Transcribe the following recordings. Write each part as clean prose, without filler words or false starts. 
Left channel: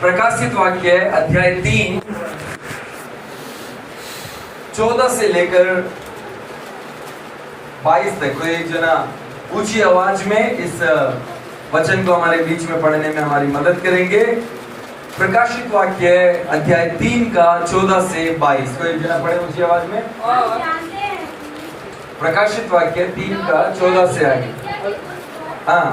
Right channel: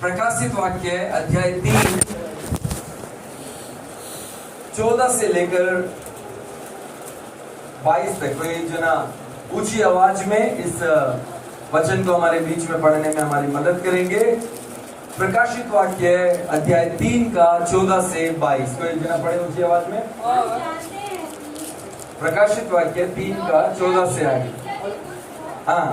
प्रकाशित वाक्य अध्याय 3 14 से लेकर 22 तक। कोई जना ऊंची आवाज में इस वचन को हमारे बीच में पढ़ने में हमारी मदद करेंगे। प्रकाशित वाक्य अध्याय 3 का 14 से 22। कोई जना पढ़े ऊंची आवाज में। प्रकाशित वाक्य 3 का 14 से आगे। हाँ।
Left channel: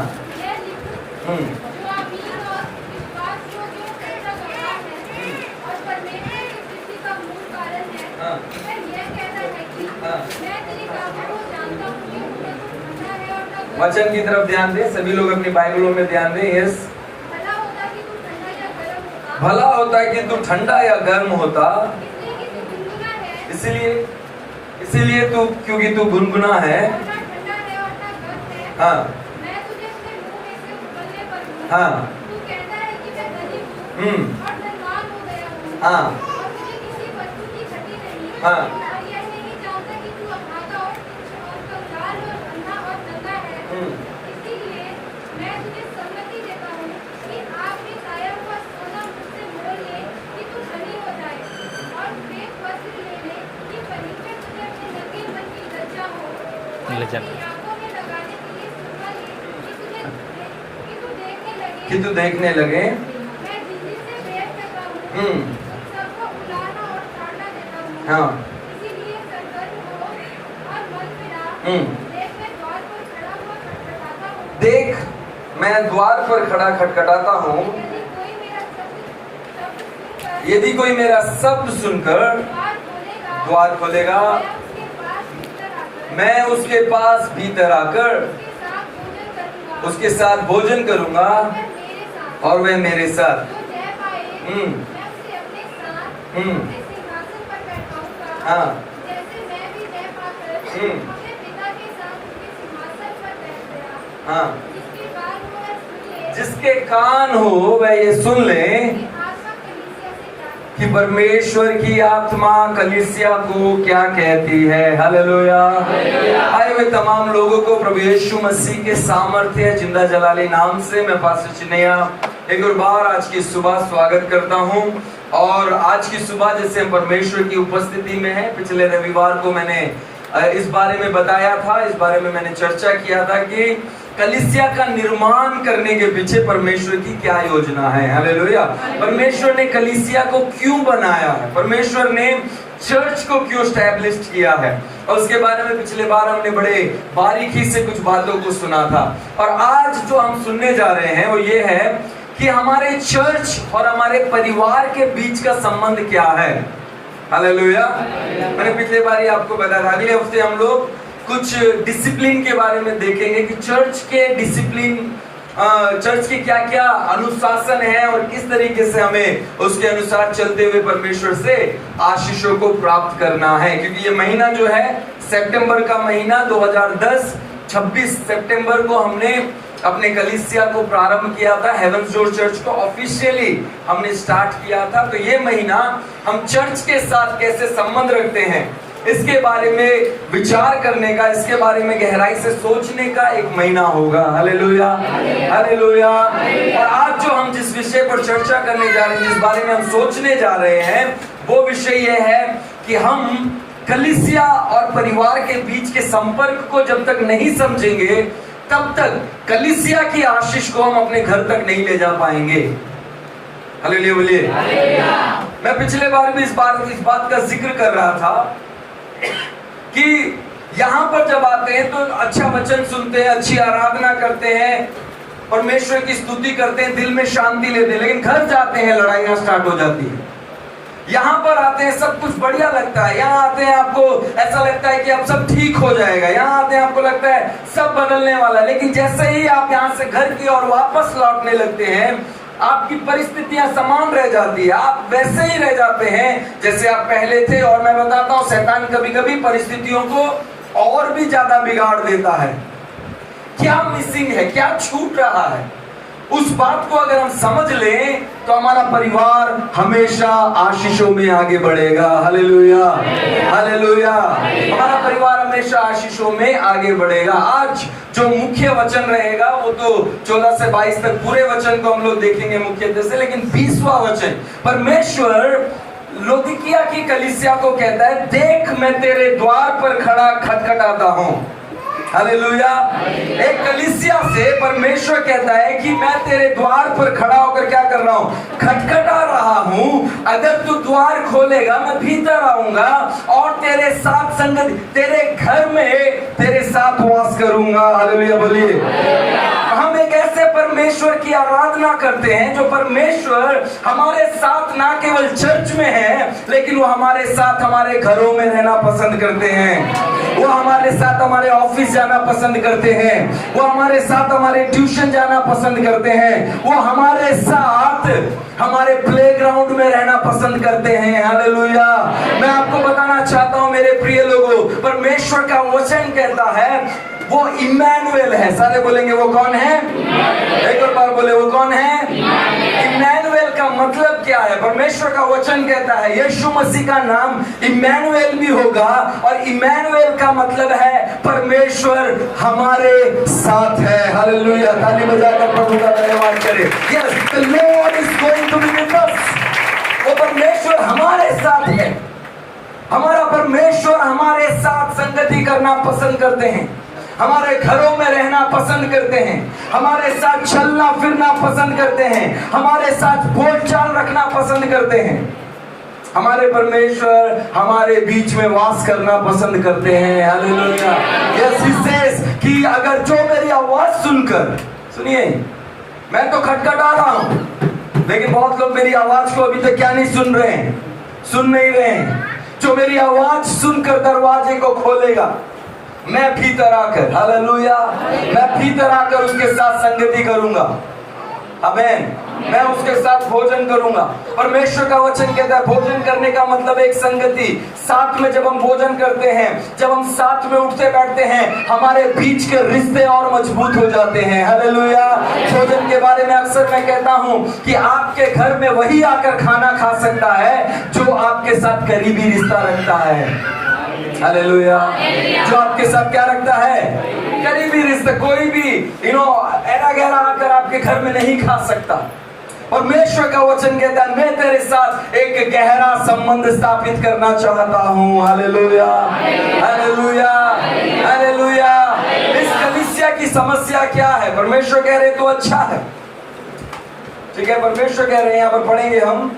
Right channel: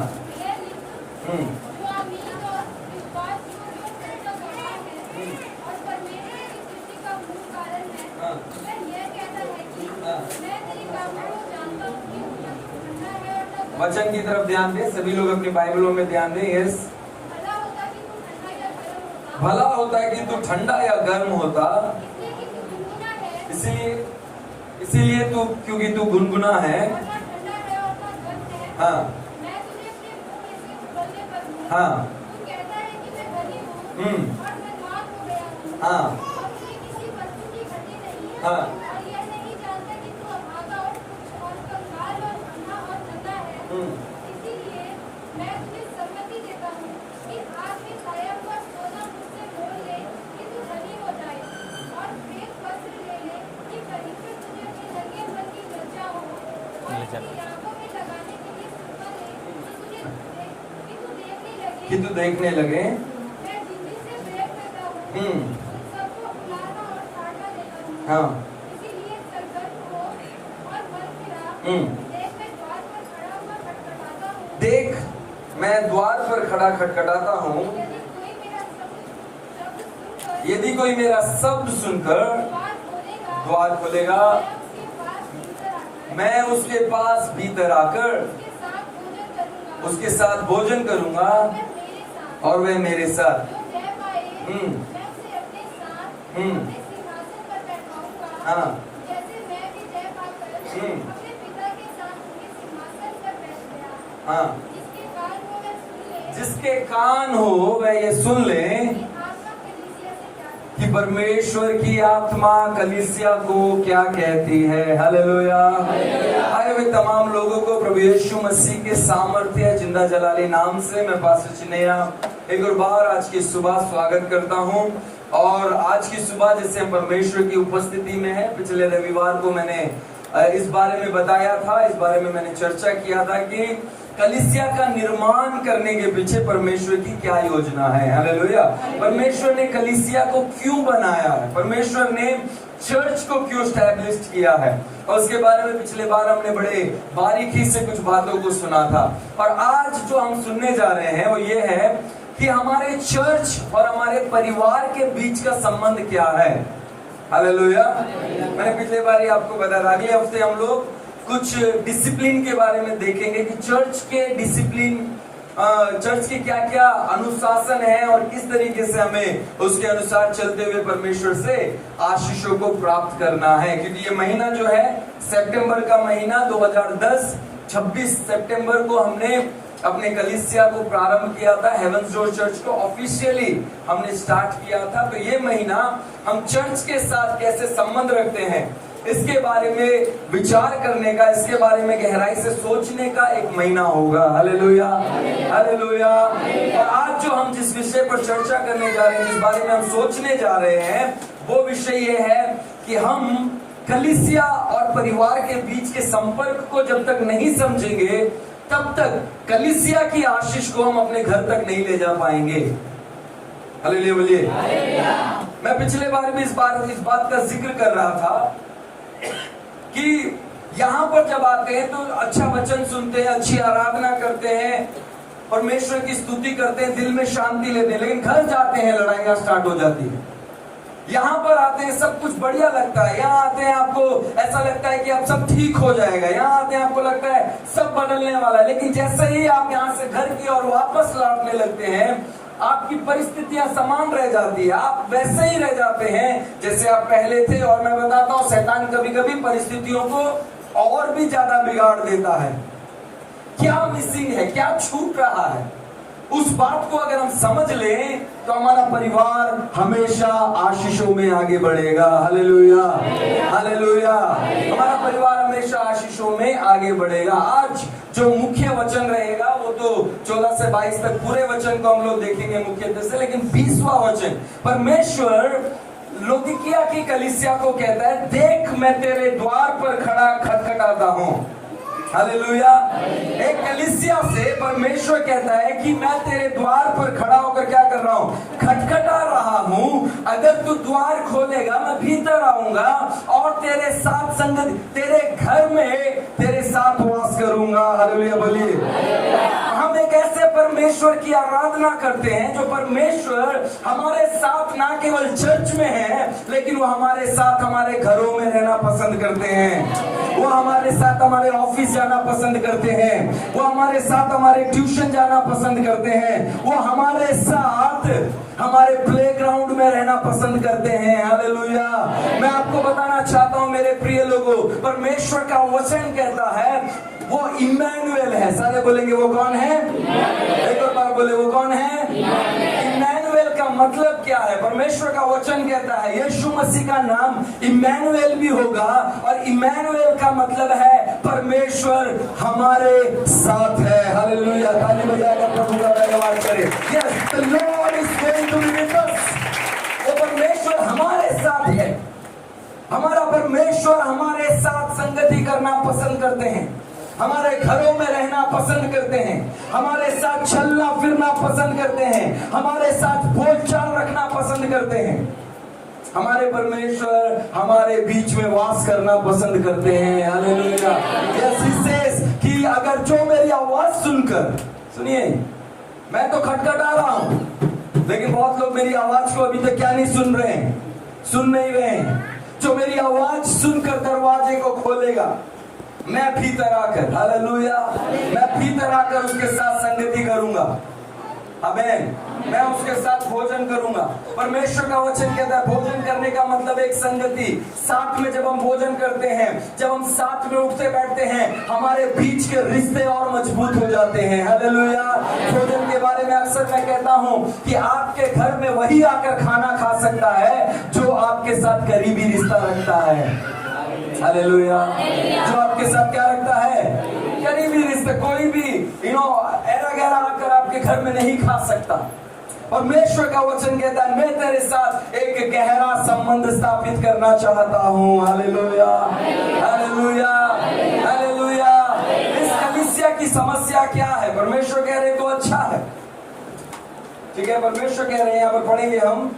वचन की तरफ ध्यान दें। सभी लोग अपनी बाइबलों में ध्यान दें। यस। भला होता है कि तू ठंडा या गर्म होता, इसीलिए तू, क्योंकि तू गुनगुना है। हाँ हाँ हाँ हाँ कि तू देखने लगे। हाँ देख, मैं द्वार पर खड़ा खटखटाता हूँ। यदि कोई मेरा शब्द सुनकर द्वार खोलेगा, मैं उसके पास भीतर आकर उसके साथ भोजन करूंगा और वह मेरे साथ। हाँ हाँ। जिसके कान हो वह ये सुन ले कि परमेश्वर की आत्मा कलीसिया को क्या कहती है। हालेलुया। आए हुए तमाम लोगों को प्रभु यीशु मसीह के सामर्थ्य जिंदा जलाली नाम से मैं पास्टर चिन्नैया एक और बार आज की सुबह स्वागत करता हूं। और आज की सुबह जैसे हम परमेश्वर की उपस्थिति में है, पिछले रविवार को मैंने इस बारे में बताया था, इस बारे में मैंने चर्चा किया था कि कलीसिया का निर्माण करने के पीछे परमेश्वर की क्या योजना है। हालेलुया। परमेश्वर ने कलीसिया को क्यों बनाया है, परमेश्वर ने चर्च को क्यों स्टैब्लिश किया है, और उसके बारे में पिछले बार हमने बड़े बारीकी से कुछ बातों को सुना था। और आज जो हम सुनने जा रहे हैं वो ये है कि हमारे चर्च और हमारे परिवार के बीच का संबंध क्या है। हालेलुया। मैंने पिछले बार आपको बताया था। अगले हफ्ते हम लोग कुछ डिसिप्लिन के बारे में देखेंगे कि चर्च के डिसिप्लिन, चर्च के क्या क्या अनुशासन है और किस तरीके से हमें उसके अनुसार चलते हुए परमेश्वर से आशीषों को प्राप्त करना है। क्योंकि ये महीना जो है सितंबर का महीना 2010, 26 सितंबर को हमने अपने कलीसिया को प्रारंभ किया था। हेवंस डोर चर्च को ऑफिशियली हमने स्टार्ट किया था। तो ये महीना हम चर्च के साथ कैसे संबंध रखते हैं इसके बारे में विचार करने का, इसके बारे में गहराई से सोचने का एक महीना होगा। Hallelujah, hallelujah. और आज जो हम जिस विषय पर चर्चा करने जा रहे हैं, जिस बारे में हम सोचने जा रहे हैं, वो विषय ये है कि हम कलीसिया और परिवार के बीच के संपर्क को जब तक नहीं समझेंगे तब तक कलीसिया की आशीष को हम अपने घर तक नहीं ले जा पाएंगे। हालेलुया बोलिए। मैं पिछले बार भी इस बात का जिक्र कर रहा था कि यहाँ पर जब आते हैं तो अच्छा वचन सुनते हैं, अच्छी आराधना करते हैं, परमेश्वर की स्तुति करते हैं, दिल में शांति लेते हैं, लेकिन घर जाते हैं लड़ाइयाँ स्टार्ट हो जाती है। यहाँ पर आते हैं सब कुछ बढ़िया लगता है, यहाँ आते हैं आपको ऐसा लगता है कि अब सब ठीक हो जाएगा, यहाँ आते हैं आपको लगता है सब बदलने वाला है, लेकिन जैसे ही आप यहाँ से घर की ओर वापस लौटने लगते हैं आपकी परिस्थितियां समान रह जाती है, आप वैसे ही रह जाते हैं जैसे आप पहले थे। और मैं बताता हूँ शैतान कभी कभी परिस्थितियों को और भी ज्यादा बिगाड़ देता है। क्या मिसिंग है, क्या छूट रहा है, उस बात को अगर हम समझ लें तो हमारा परिवार हमेशा आशीषों में आगे बढ़ेगा। Hallelujah, hallelujah. हमारा परिवार हमेशा आशीषों में आगे बढ़ेगा। आज जो मुख्य वचन रहेगा वो तो 14 से 22 तक पूरे वचन को हम लोग देखेंगे मुख्यतः से, लेकिन 20वां वचन परमेश्वर लौदीकिया की कलीसिया को कहता है, देख मैं तेरे द्वार पर खड़ा खटखटाता हूं। हालेलुया। एक कलीसिया से परमेश्वर कहता है कि मैं तेरे द्वार पर खड़ा होकर क्या कर रहा हूं, खटखटा रहा हूं। अगर तू द्वार खोलेगा मैं भीतर आऊंगा और तेरे साथ संगति, तेरे घर में तेरे साथ वास करूंगा। हालेलुया बोलिए। हम एक ऐसे परमेश्वर की आराधना करते हैं जो परमेश्वर हमारे साथ ना केवल चर्च में है, लेकिन वो हमारे साथ हमारे घरों में रहना पसंद करते हैं। वो हमारे साथ हमारे ऑफिस जाना पसंद करते हैं। वो हमारे साथ हमारे ट्यूशन जाना पसंद करते हैं। वो हमारे साथ हमारे प्लेग्राउंड में रहना पसंद करते हैं। हालेलुया। मैं आपको बताना चाहता हूं मेरे प्रिय लोगों, परमेश्वर का वचन कहता है वो इम्मानुएल है। सारे बोलेंगे वो कौन है? एक और बार बोले वो कौन है? इम्मानुएल का मतलब क्या है? परमेश्वर का वचन कहता है यीशु मसीह का नाम इम्मानुएल भी होगा, और इम्मानुएल का मतलब है परमेश्वर हमारे साथ है। हालेलुया। ताली बजाकर प्रभु का धन्यवाद करें। Yes, the lord is going to be with us. वो परमेश्वर हमारे साथ है। हमारा परमेश्वर हमारे साथ संगति करना पसंद करते हैं, हमारे घरों में रहना पसंद करते हैं, हमारे साथ चलना फिरना पसंद करते हैं, हमारे साथ बोलचाल रखना पसंद करते हैं। हमारे परमेश्वर हमारे बीच में वास करना पसंद करते हैं। हालेलुया। यस, ही सेज कि अगर जो मेरी आवाज सुनकर, सुनिए, मैं तो खटखटा रहा हूं, लेकिन बहुत लोग मेरी आवाज को अभी तक क्या नहीं सुन रहे हैं, सुन नहीं रहे हैं। जो मेरी आवाज सुनकर दरवाजे को खोलेगा, मैं भीतर आकर, हालेलुया, मैं भीतर आकर उसके साथ संगति करूंगा। आमीन। मैं उसके साथ भोजन करूंगा। परमेश्वर का वचन कहता है भोजन करने का मतलब एक संगति। साथ में जब हम भोजन करते हैं, जब हम साथ में उठते बैठते हैं, हमारे बीच के रिश्ते और मजबूत हो जाते हैं। हालेलुया। भोजन के बारे में अक्सर मैं कहता हूं कि आपके घर में वही आकर खाना खा सकता है जो आपके साथ करीबी रिश्ता रखता है। हालेलुया। जो आपके साथ क्या रखता है, करीबी रिश्ता। कोई भी ऐरा गहरा आकर आपके घर में नहीं खा सकता। परमेश्वर का वचन कहता है मैं तेरे साथ एक गहरा संबंध स्थापित करना चाहता हूं। Hallelujah, hallelujah, hallelujah. इस कलीसिया की समस्या क्या है? परमेश्वर कह रहे तो अच्छा है, ठीक है। परमेश्वर कह रहे हैं, यहाँ पर पढ़ेंगे हम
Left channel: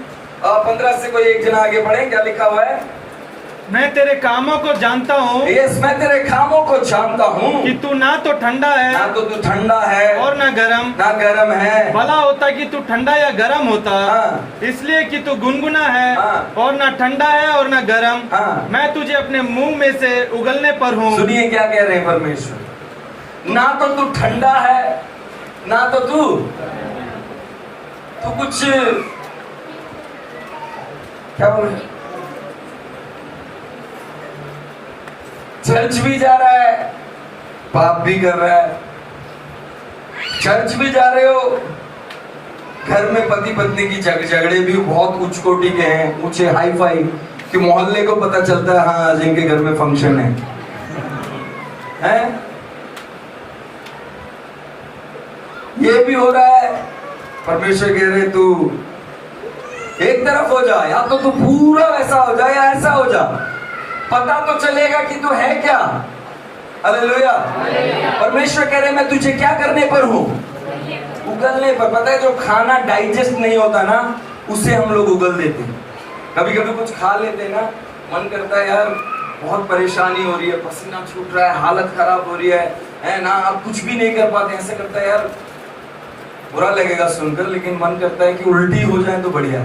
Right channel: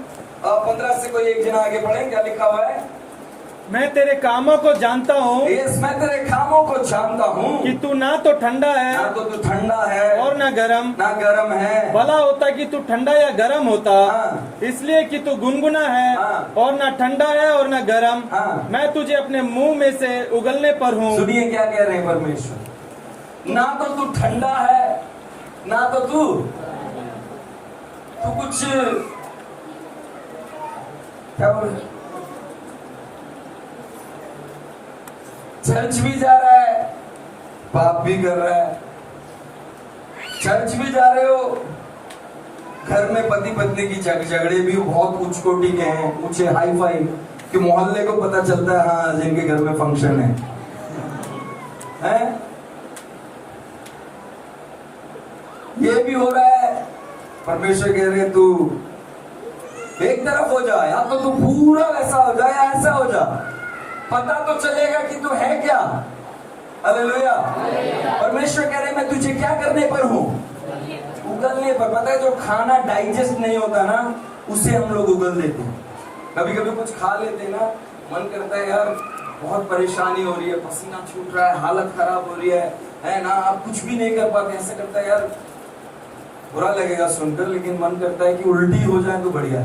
15 से कोई एक जना आगे पढ़ें, क्या लिखा हुआ है? मैं तेरे कामों को जानता हूँ। यस, मैं तेरे कामों को जानता हूँ कि तू ना तो ठंडा है, ना तो तू ठंडा है और ना गरम है। भला होता कि तू ठंडा या गरम होता। हाँ। इसलिए कि तू गुनगुना है। हाँ। और ना ठंडा है और ना गरम। हाँ। मैं तुझे अपने मुंह में से उगलने पर हूँ। सुनिए क्या कह रहे हैं परमेश्वर, ना तो तू ठंडा है, ना तो तू कुछ क्या बोल रहे, चर्च भी जा रहा है, पाप भी कर रहा है। चर्च भी जा रहे हो, घर में पति पत्नी की झगड़े भी बहुत उच्च कोटि के हैं, ऊंचे हाई फाई, कि मोहल्ले को पता चलता है हाँ जिनके घर में फंक्शन है, हैं? ये भी हो रहा है। परमेश्वर कह रहे तू एक तरफ हो जा, या तो तू पूरा वैसा हो जा या ऐसा हो जा, पता तो चलेगा कि तू है क्या। हालेलुया। परमेश्वर कह रहे मैं तुझे क्या करने पर हूं, उगलने पर। पता है जो खाना डाइजेस्ट नहीं होता ना, उसे हम लोग उगल देते हैं। कभी कभी कुछ खा लेते हैं ना, मन करता है यार बहुत परेशानी हो रही है, पसीना छूट रहा है, हालत खराब हो रही है ना, आप कुछ भी नहीं कर पाते, ऐसे करता है यार बुरा लगेगा सुनकर, लेकिन मन करता है कि उल्टी हो जाए तो बढ़िया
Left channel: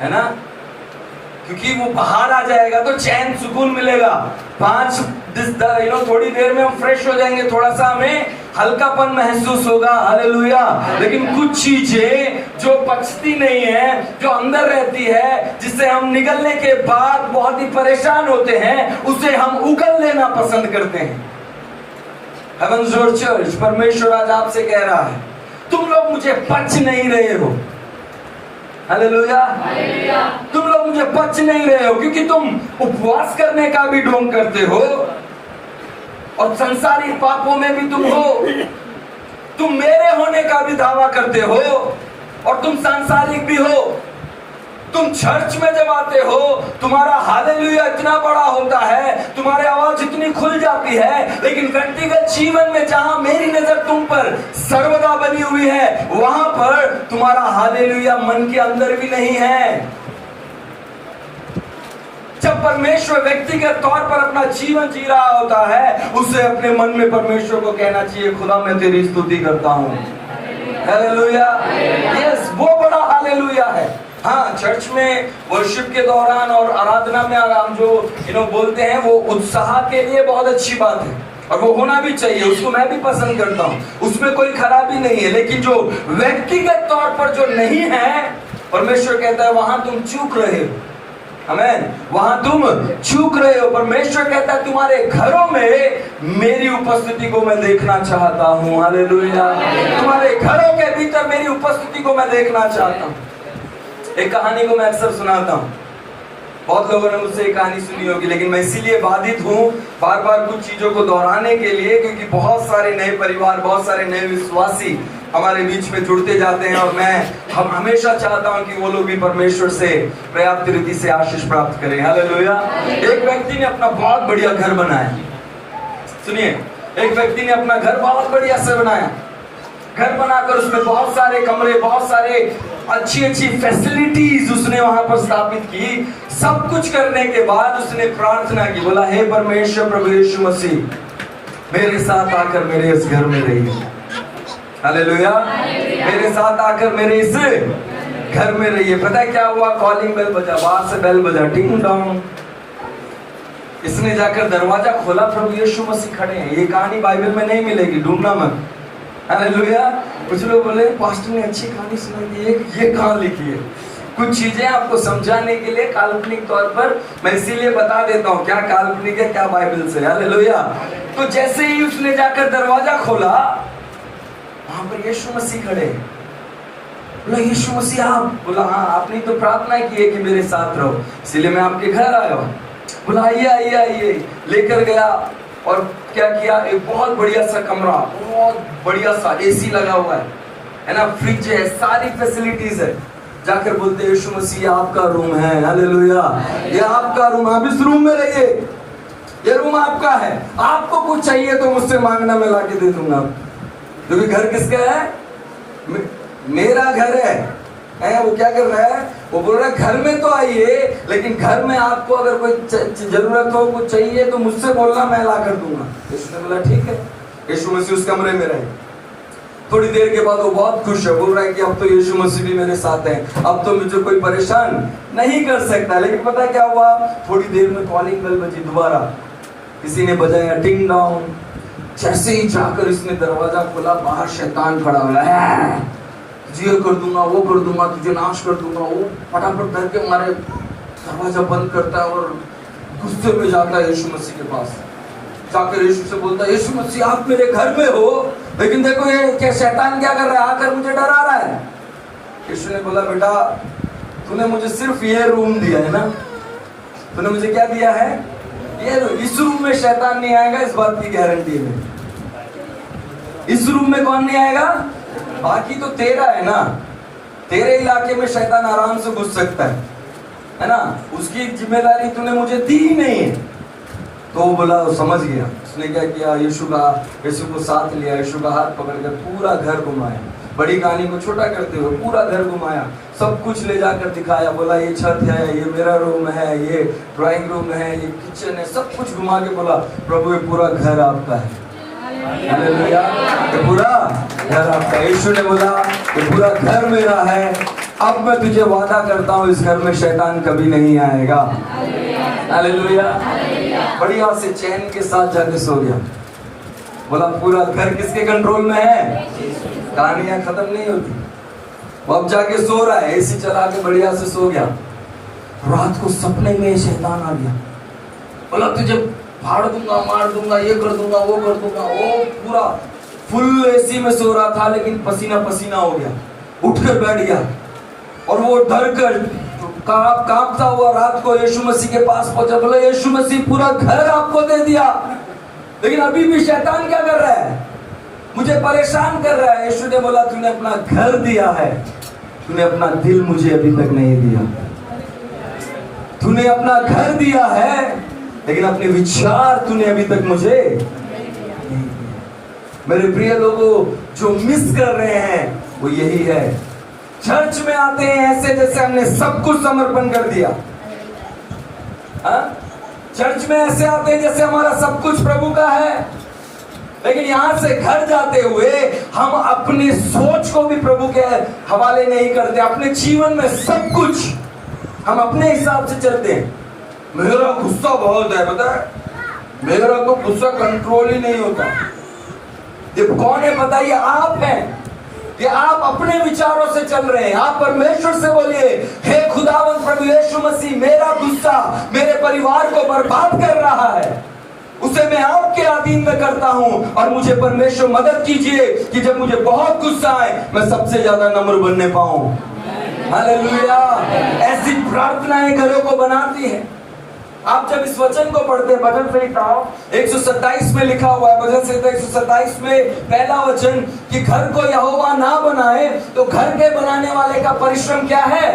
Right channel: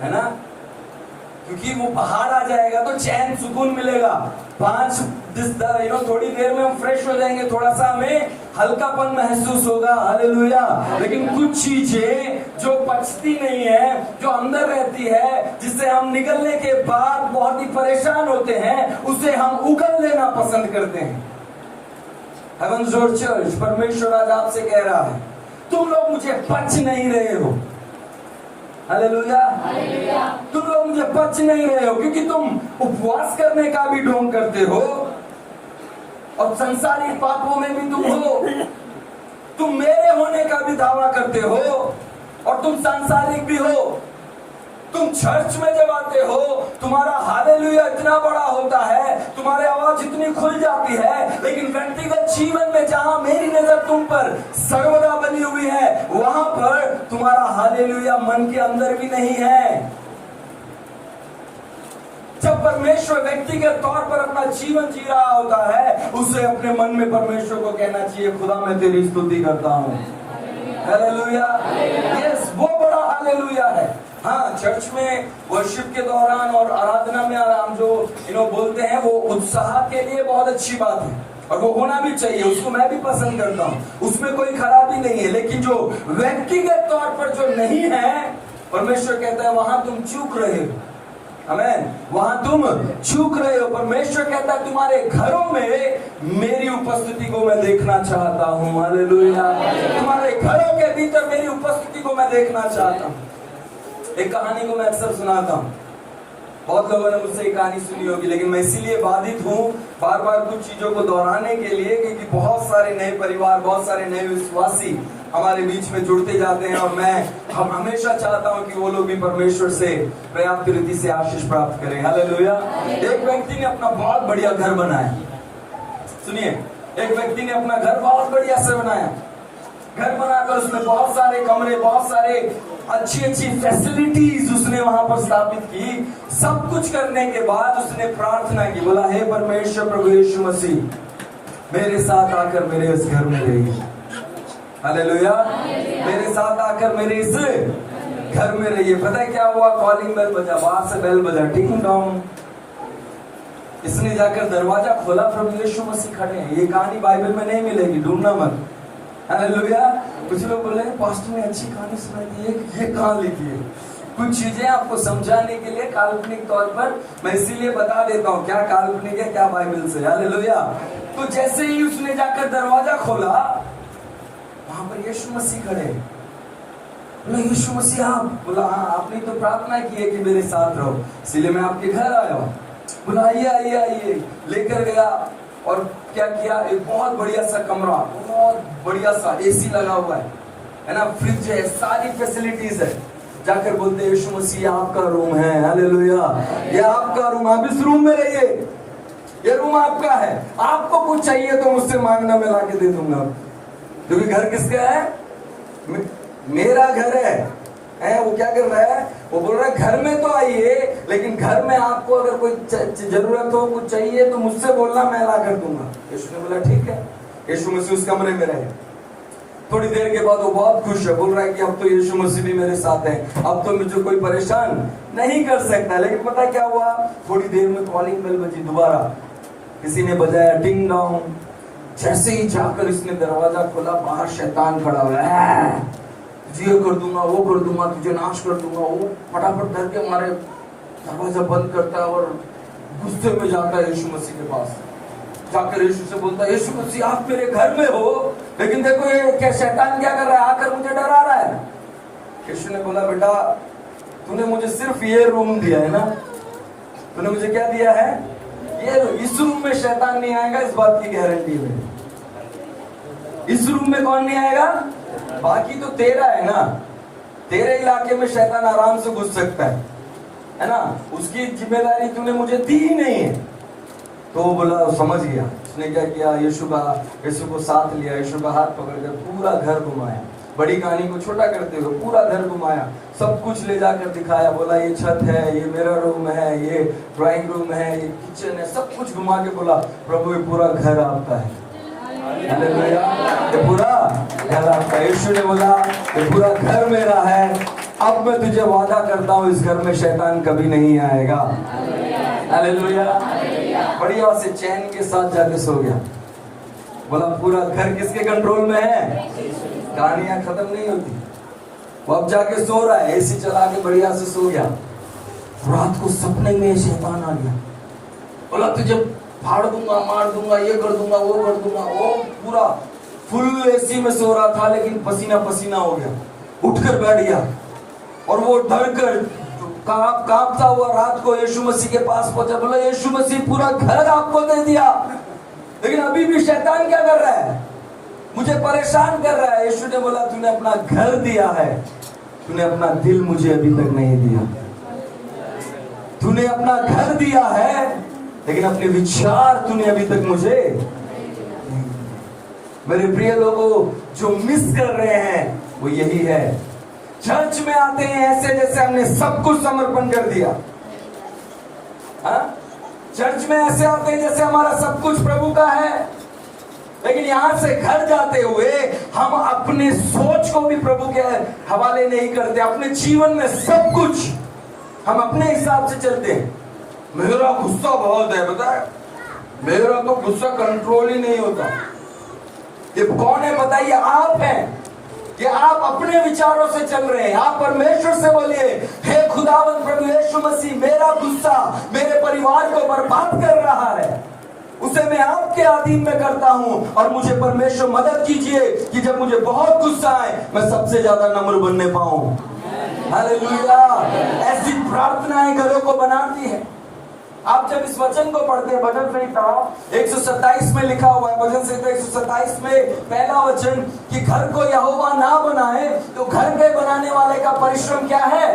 है ना, क्योंकि वो बाहर आ जाएगा तो चैन सुकून मिलेगा। थोड़ी देर में हम फ्रेश हो जाएंगे, थोड़ा सा हमें हल्कापन महसूस होगा। हालेलुया। लेकिन कुछ चीजें जो पचती नहीं है, जो अंदर रहती है, जिससे हम निकलने के बाद बहुत ही परेशान होते हैं, उसे हम उगल लेना पसंद करते हैं। हेवंस डोर चर्च, परमेश्वर आज आपसे कह रहा है तुम लोग मुझे पच नहीं रहे हो। हालेलुया। तुम लोग मुझे पच नहीं रहे हो क्योंकि तुम उपवास करने का भी ढोंग करते हो, और संसारिक पापों में भी तुम हो। तुम मेरे होने का भी दावा करते हो और तुम सांसारिक भी हो। तुम चर्च में जब आते हो तुम्हारा हालेलुया इतना बड़ा होता है, तुम्हारी आवाज इतनी खुल जाती है, लेकिन व्यक्तिगत जीवन में जहां मेरी नजर तुम पर सर्वदा बनी हुई है, वहां पर तुम्हारा हालेलुया मन के अंदर भी नहीं है। जब परमेश्वर व्यक्तिगत तौर पर अपना जीवन जी रहा होता है, उसे अपने मन में परमेश्वर को कहना चाहिए, खुदा मैं तेरी स्तुति करता हूं। हालेलुया, यस, वो बड़ा हालेलुया है। हाँ, चर्च में वर्शिप के दौरान और आराधना में हम जो बोलते हैं, वो उत्साह के लिए बहुत अच्छी बात है और वो होना भी चाहिए, उसको मैं भी पसंद करता हूँ, उसमें कोई खराबी नहीं है। लेकिन जो व्यक्तिगत तौर पर जो नहीं है, परमेश्वर कहता है वहां तुम चूक रहे हो। आमीन, वहां तुम चूक रहे हो। परमेश्वर कहता है तुम्हारे घरों में मेरी उपस्थिति को मैं देखना चाहता हूँ। हालेलुया, तुम्हारे घरों के भीतर मेरी उपस्थिति को मैं देखना चाहता हूँ। एक कहानी को मैं अक्सर सुनाता हूँ, बहुत लोगों ने मुझसे एक कहानी सुनी होगी, लेकिन मैं इसीलिए बाधित हूँ बार बार कुछ चीजों को दोहराने के लिए, क्योंकि बहुत सारे नए परिवार, बहुत सारे नए विश्वासी हमारे बीच में जुड़ते जाते हैं और हम हमेशा चाहता हूँ कि वो लोग भी परमेश्वर से पर्याप्त रीति से आशीष प्राप्त करें। हालेलुया। एक व्यक्ति ने अपना बहुत बढ़िया घर बनाया। सुनिए, एक व्यक्ति ने अपना घर बहुत बढ़िया से बनाया। घर बनाकर उसमें बहुत सारे कमरे, बहुत सारे अच्छी अच्छी फैसिलिटीज उसने वहां पर स्थापित की। सब कुछ करने के बाद उसने प्रार्थना की, बोला हे परमेश्वर प्रभु यीशु मसीह, मेरे साथ आकर मेरे इस घर में रहिए। हालेलुया, मेरे साथ आकर मेरे इस घर में रहिए। पता है क्या हुआ? कॉलिंग बेल बजा, बाहर से बेल बजा, टिंग डोंग। इसने जाकर दरवाजा खोला, प्रभु यीशु मसीह खड़े हैं। ये कहानी बाइबल में नहीं मिलेगी, ढूंढना मत। हालेलुया। कुछ लोग बोले पास्टर ने अच्छी कहानी सुनाई दी, ये कहां लिखी है? कुछ चीजें आपको समझाने के लिए काल्पनिक तौर पर मैं इसीलिए बता देता हूँ क्या काल्पनिक है क्या बाइबल से। हालेलुया। तो जैसे ही उसने जाकर दरवाजा खोला, वहां पर यीशु मसीह खड़े। बोला यीशु मसीह आप? बोला हाँ, आपने तो प्रार्थना की है कि मेरे साथ रहो, इसलिए मैं आपके घर आया हूँ। बोला आइए आइए आइए। लेकर गया और क्या किया, एक बहुत बढ़िया सा कमरा, बहुत बढ़िया सा एसी लगा हुआ है ना, फ्रिज है, सारी फैसिलिटीज है। जाकर बोलते यीशु मसीह आपका रूम है। हालेलुया, ये आपका रूम, आप इस रूम में रहिए, ये रूम आपका है। आपको कुछ चाहिए तो मुझसे मांगना, मैं लाके दे दूंगा। क्योंकि घर किसका है? मेरा घर है। वो क्या कर रहा है? वो बोल रहा है घर में तो आइए, लेकिन घर में आपको अगर कोई जरूरत हो, कुछ चाहिए तो मुझसे बोलना, मैं ला कर दूंगा। यीशु ने बोला ठीक है। यीशु मसीह उस कमरे में रहे। थोड़ी देर के बाद वो बहुत खुश है, बोल रहा है कि अब तो यीशु मसीह भी मेरे साथ है, अब तो मुझे कोई परेशान नहीं कर सकता। लेकिन पता क्या हुआ? थोड़ी देर में कॉलिंग बेल बजी दोबारा, किसी ने बजाया टिंग डोंग। जैसे ही जाकर इसने दरवाजा खोला, बाहर शैतान खड़ा हुआ है, ये कर दूंगा, वो कर दूंगा, तुझे नाश कर दूंगा। वो फटाफट डर के मारे दरवाजा बंद करता है और गुस्से में जाता है यीशु मसीह के पास। जाकर यीशु से बोलता है यीशु मसीह आप मेरे घर में हो, लेकिन देखो ये क्या शैतान क्या कर रहा है, आकर मुझे डरा रहा है। यीशु ने बोला बेटा, तूने मुझे सिर्फ ये रूम दिया है ना, तूने मुझे क्या दिया है? ये। इस रूम में शैतान नहीं आएगा, इस बात की गारंटी है। इस रूम में कौन नहीं आएगा? बाकी तो तेरा है ना, तेरे इलाके में शैतान आराम से घुस सकता है ना, उसकी जिम्मेदारी तूने मुझे दी ही नहीं है। तो वो बोला, वो समझ गया। उसने क्या किया, यीशु को साथ लिया, यीशु का हाथ पकड़कर पूरा घर घुमाया। बड़ी कहानी को छोटा करते हुए पूरा घर घुमाया, सब कुछ ले जाकर दिखाया। बोला ये छत है, ये मेरा रूम है, ये ड्राइंग रूम है, ये किचन है, सब कुछ घुमा के बोला प्रभु ये पूरा घर आपका है। हालेलुया, ये पूरा घर आपका। यीशु ने बोला ये पूरा घर मेरा है, अब मैं तुझे वादा करता हूँ इस घर में शैतान कभी नहीं आएगा। हालेलुया। बढ़िया से चैन के साथ जाके सो गया। बोला पूरा घर किसके कंट्रोल में है? कहानियां खत्म नहीं होती। वो अब जाके सो रहा है, एसी चला के बढ़िया से सो गया। रात को सपने में शैतान आ गया, बोला तुझे फाड़ दूंगा, मार दूंगा, ये कर दूंगा, वो कर दूंगा। वो पूरा फुल एसी में सो रहा था, लेकिन पसीना पसीना हो गया, उठकर बैठ गया और वो डर कर कांपता हुआ रात को यीशु मसीह के पास पहुंचा। बोला यीशु मसीह पूरा घर आपको दे दिया, लेकिन अभी भी शैतान क्या कर रहा है? मुझे परेशान कर रहा है। यीशु ने बोला तूने अपना घर दिया है, तूने अपना दिल मुझे अभी तक नहीं दिया। तूने अपना घर दिया है लेकिन अपने विचार तूने अभी तक मुझे नहीं। मेरे प्रिय लोगों, जो मिस कर रहे हैं वो यही है। चर्च में आते हैं ऐसे जैसे हमने सब कुछ समर्पण कर दिया। चर्च में ऐसे आते हैं जैसे हमारा सब कुछ प्रभु का है, लेकिन यहां से घर जाते हुए हम अपने सोच को भी प्रभु के हवाले नहीं करते। अपने जीवन में सब कुछ हम अपने हिसाब से चलते हैं। मेरा गुस्सा बहुत है, पता है, मेरा तो गुस्सा कंट्रोल ही नहीं होता। ये कौन है बताइए? आप हैं। कि आप अपने विचारों से चल रहे हैं। आप परमेश्वर से बोलिए, हे खुदावंद प्रभु यीशु मसीह, मेरा गुस्सा मेरे परिवार को बर्बाद कर रहा है, उसे मैं आपके अधीन में करता हूं और मुझे परमेश्वर मदद कीजिए कि जब मुझे बहुत गुस्सा आए मैं सबसे ज्यादा नम्र बनने पाऊं। हालेलुया। ऐसी प्रार्थनाएं घरों को बनाती है। आप जब इस वचन को पढ़ते हैं, भजन संहिता 127 में लिखा हुआ है, भजन संहिता 127 में पहला वचन कि घर को यहोवा ना बनाए तो घर के बनाने वाले का परिश्रम क्या है।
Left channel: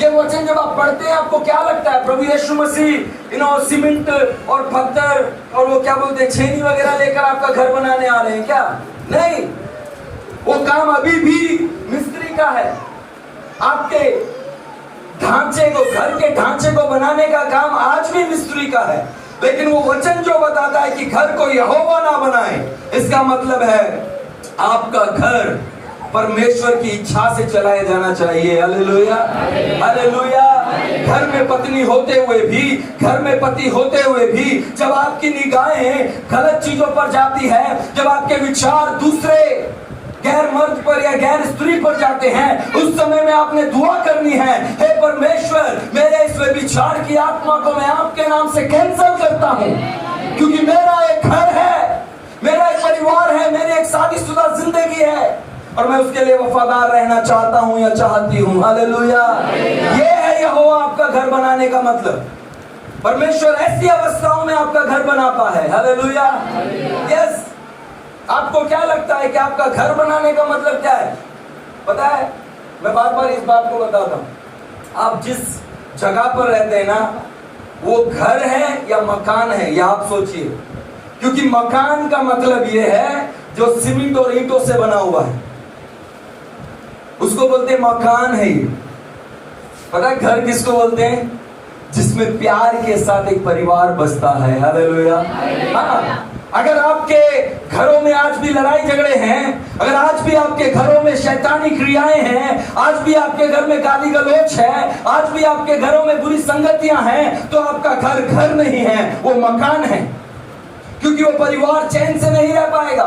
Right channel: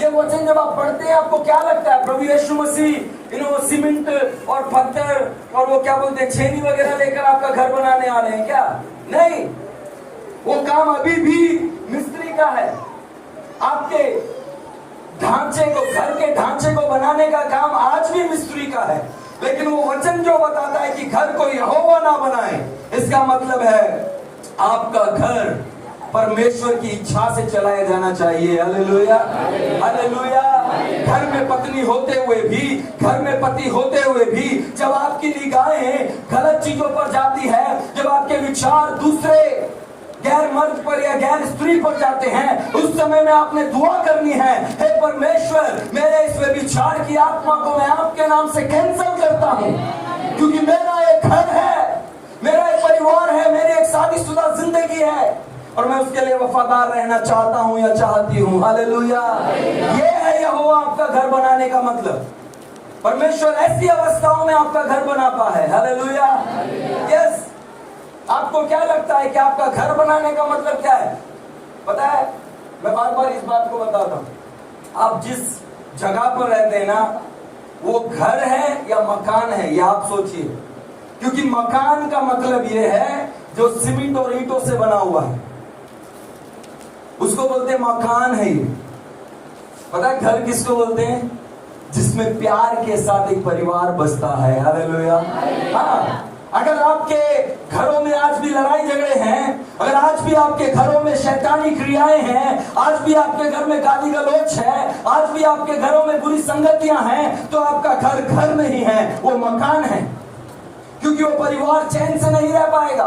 ये वचन जब आप पढ़ते हैं आपको क्या लगता है? प्रभु यीशु मसीह सीमेंट और पत्थर और वो क्या बोलते हैं छेनी वगैरह लेकर आपका घर बनाने आ रहे हैं क्या? नहीं, वो काम अभी भी मिस्त्री का है। आपके ढांचे को, घर के ढांचे को बनाने का काम आज भी मिस्त्री का है। लेकिन वो वचन जो बताता है कि घर को यहोवा ना बनाए, इसका मतलब है आपका घर परमेश्वर की इच्छा से चलाया जाना चाहिए। Hallelujah, hallelujah. घर में पत्नी होते हुए भी, घर में पति होते हुए भी जब आपकी निगाहें गलत चीजों पर जाती है, जब आपके विचार दूसरे गैर मर्द पर या गैर स्त्री पर जाते हैं, उस समय में आपने दुआ करनी है, हे परमेश्वर, मेरे इस विचार की आत्मा को मैं आपके नाम से कैंसिल करता हूं, क्योंकि मेरा एक घर है, मेरा एक परिवार है, मेरी एक शादीशुदा जिंदगी है और मैं उसके लिए वफादार रहना चाहता हूं या चाहती हूं। हालेलुया। ये है यहोवा आपका घर बनाने का मतलब। परमेश्वर ऐसी अवस्थाओं में आपका घर बनाता है। हालेलुया। यस। आपको क्या लगता है कि आपका घर बनाने का मतलब क्या है? पता है, मैं बार बार इस बात को बताता हूं। आप जिस जगह पर रहते हैं ना, वो घर है या मकान है, ये आप सोचिए। क्योंकि मकान का मतलब ये है जो सीमेंट और ईंटों से बना हुआ है, उसको बोलते हैं मकान है ये। पता है घर किसको बोलते हैं? जिसमें प्यार के साथ एक परिवार बसता है। हालेलुया। हाँ, अगर आपके घरों में आज भी लड़ाई झगड़े हैं, अगर आज भी आपके घरों में शैतानी क्रियाएं हैं, आज भी आपके घर में गाली गलौच है, आज भी आपके घरों में बुरी संगतियां हैं, तो आपका घर घर नहीं है, वो मकान है। क्योंकि वो परिवार चैन से नहीं रह पाएगा।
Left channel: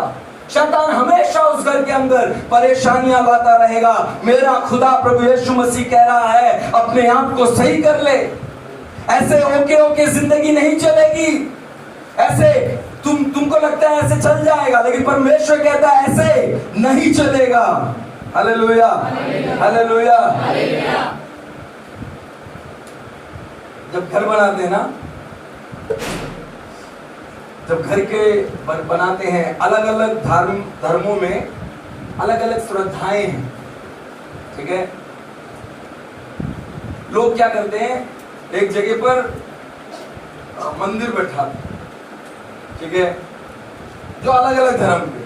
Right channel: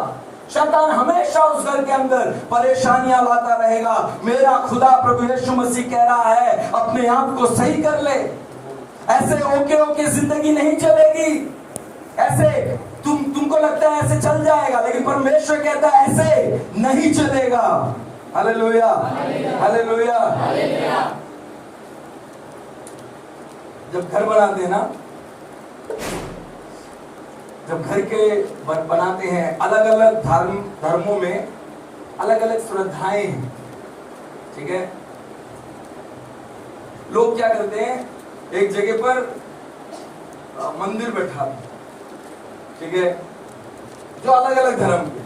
शैतान हमेशा उस घर के अंदर परेशानियां लाता रहेगा। मेरा खुदा प्रभु यीशु मसीह कह रहा है, अपने आप को सही कर ले। ऐसे ओके जिंदगी नहीं चलेगी। ऐसे तुमको लगता है ऐसे चल जाएगा, लेकिन परमेश्वर कहता है ऐसे नहीं चलेगा। Hallelujah, hallelujah. जब घर बनाते हैं ना, जब घर के बनाते हैं, अलग अलग धर्मों में अलग अलग श्रद्धाएं हैं, ठीक है। लोग क्या करते हैं, एक जगह पर मंदिर बैठा, ठीक है, जो अलग अलग धर्म के,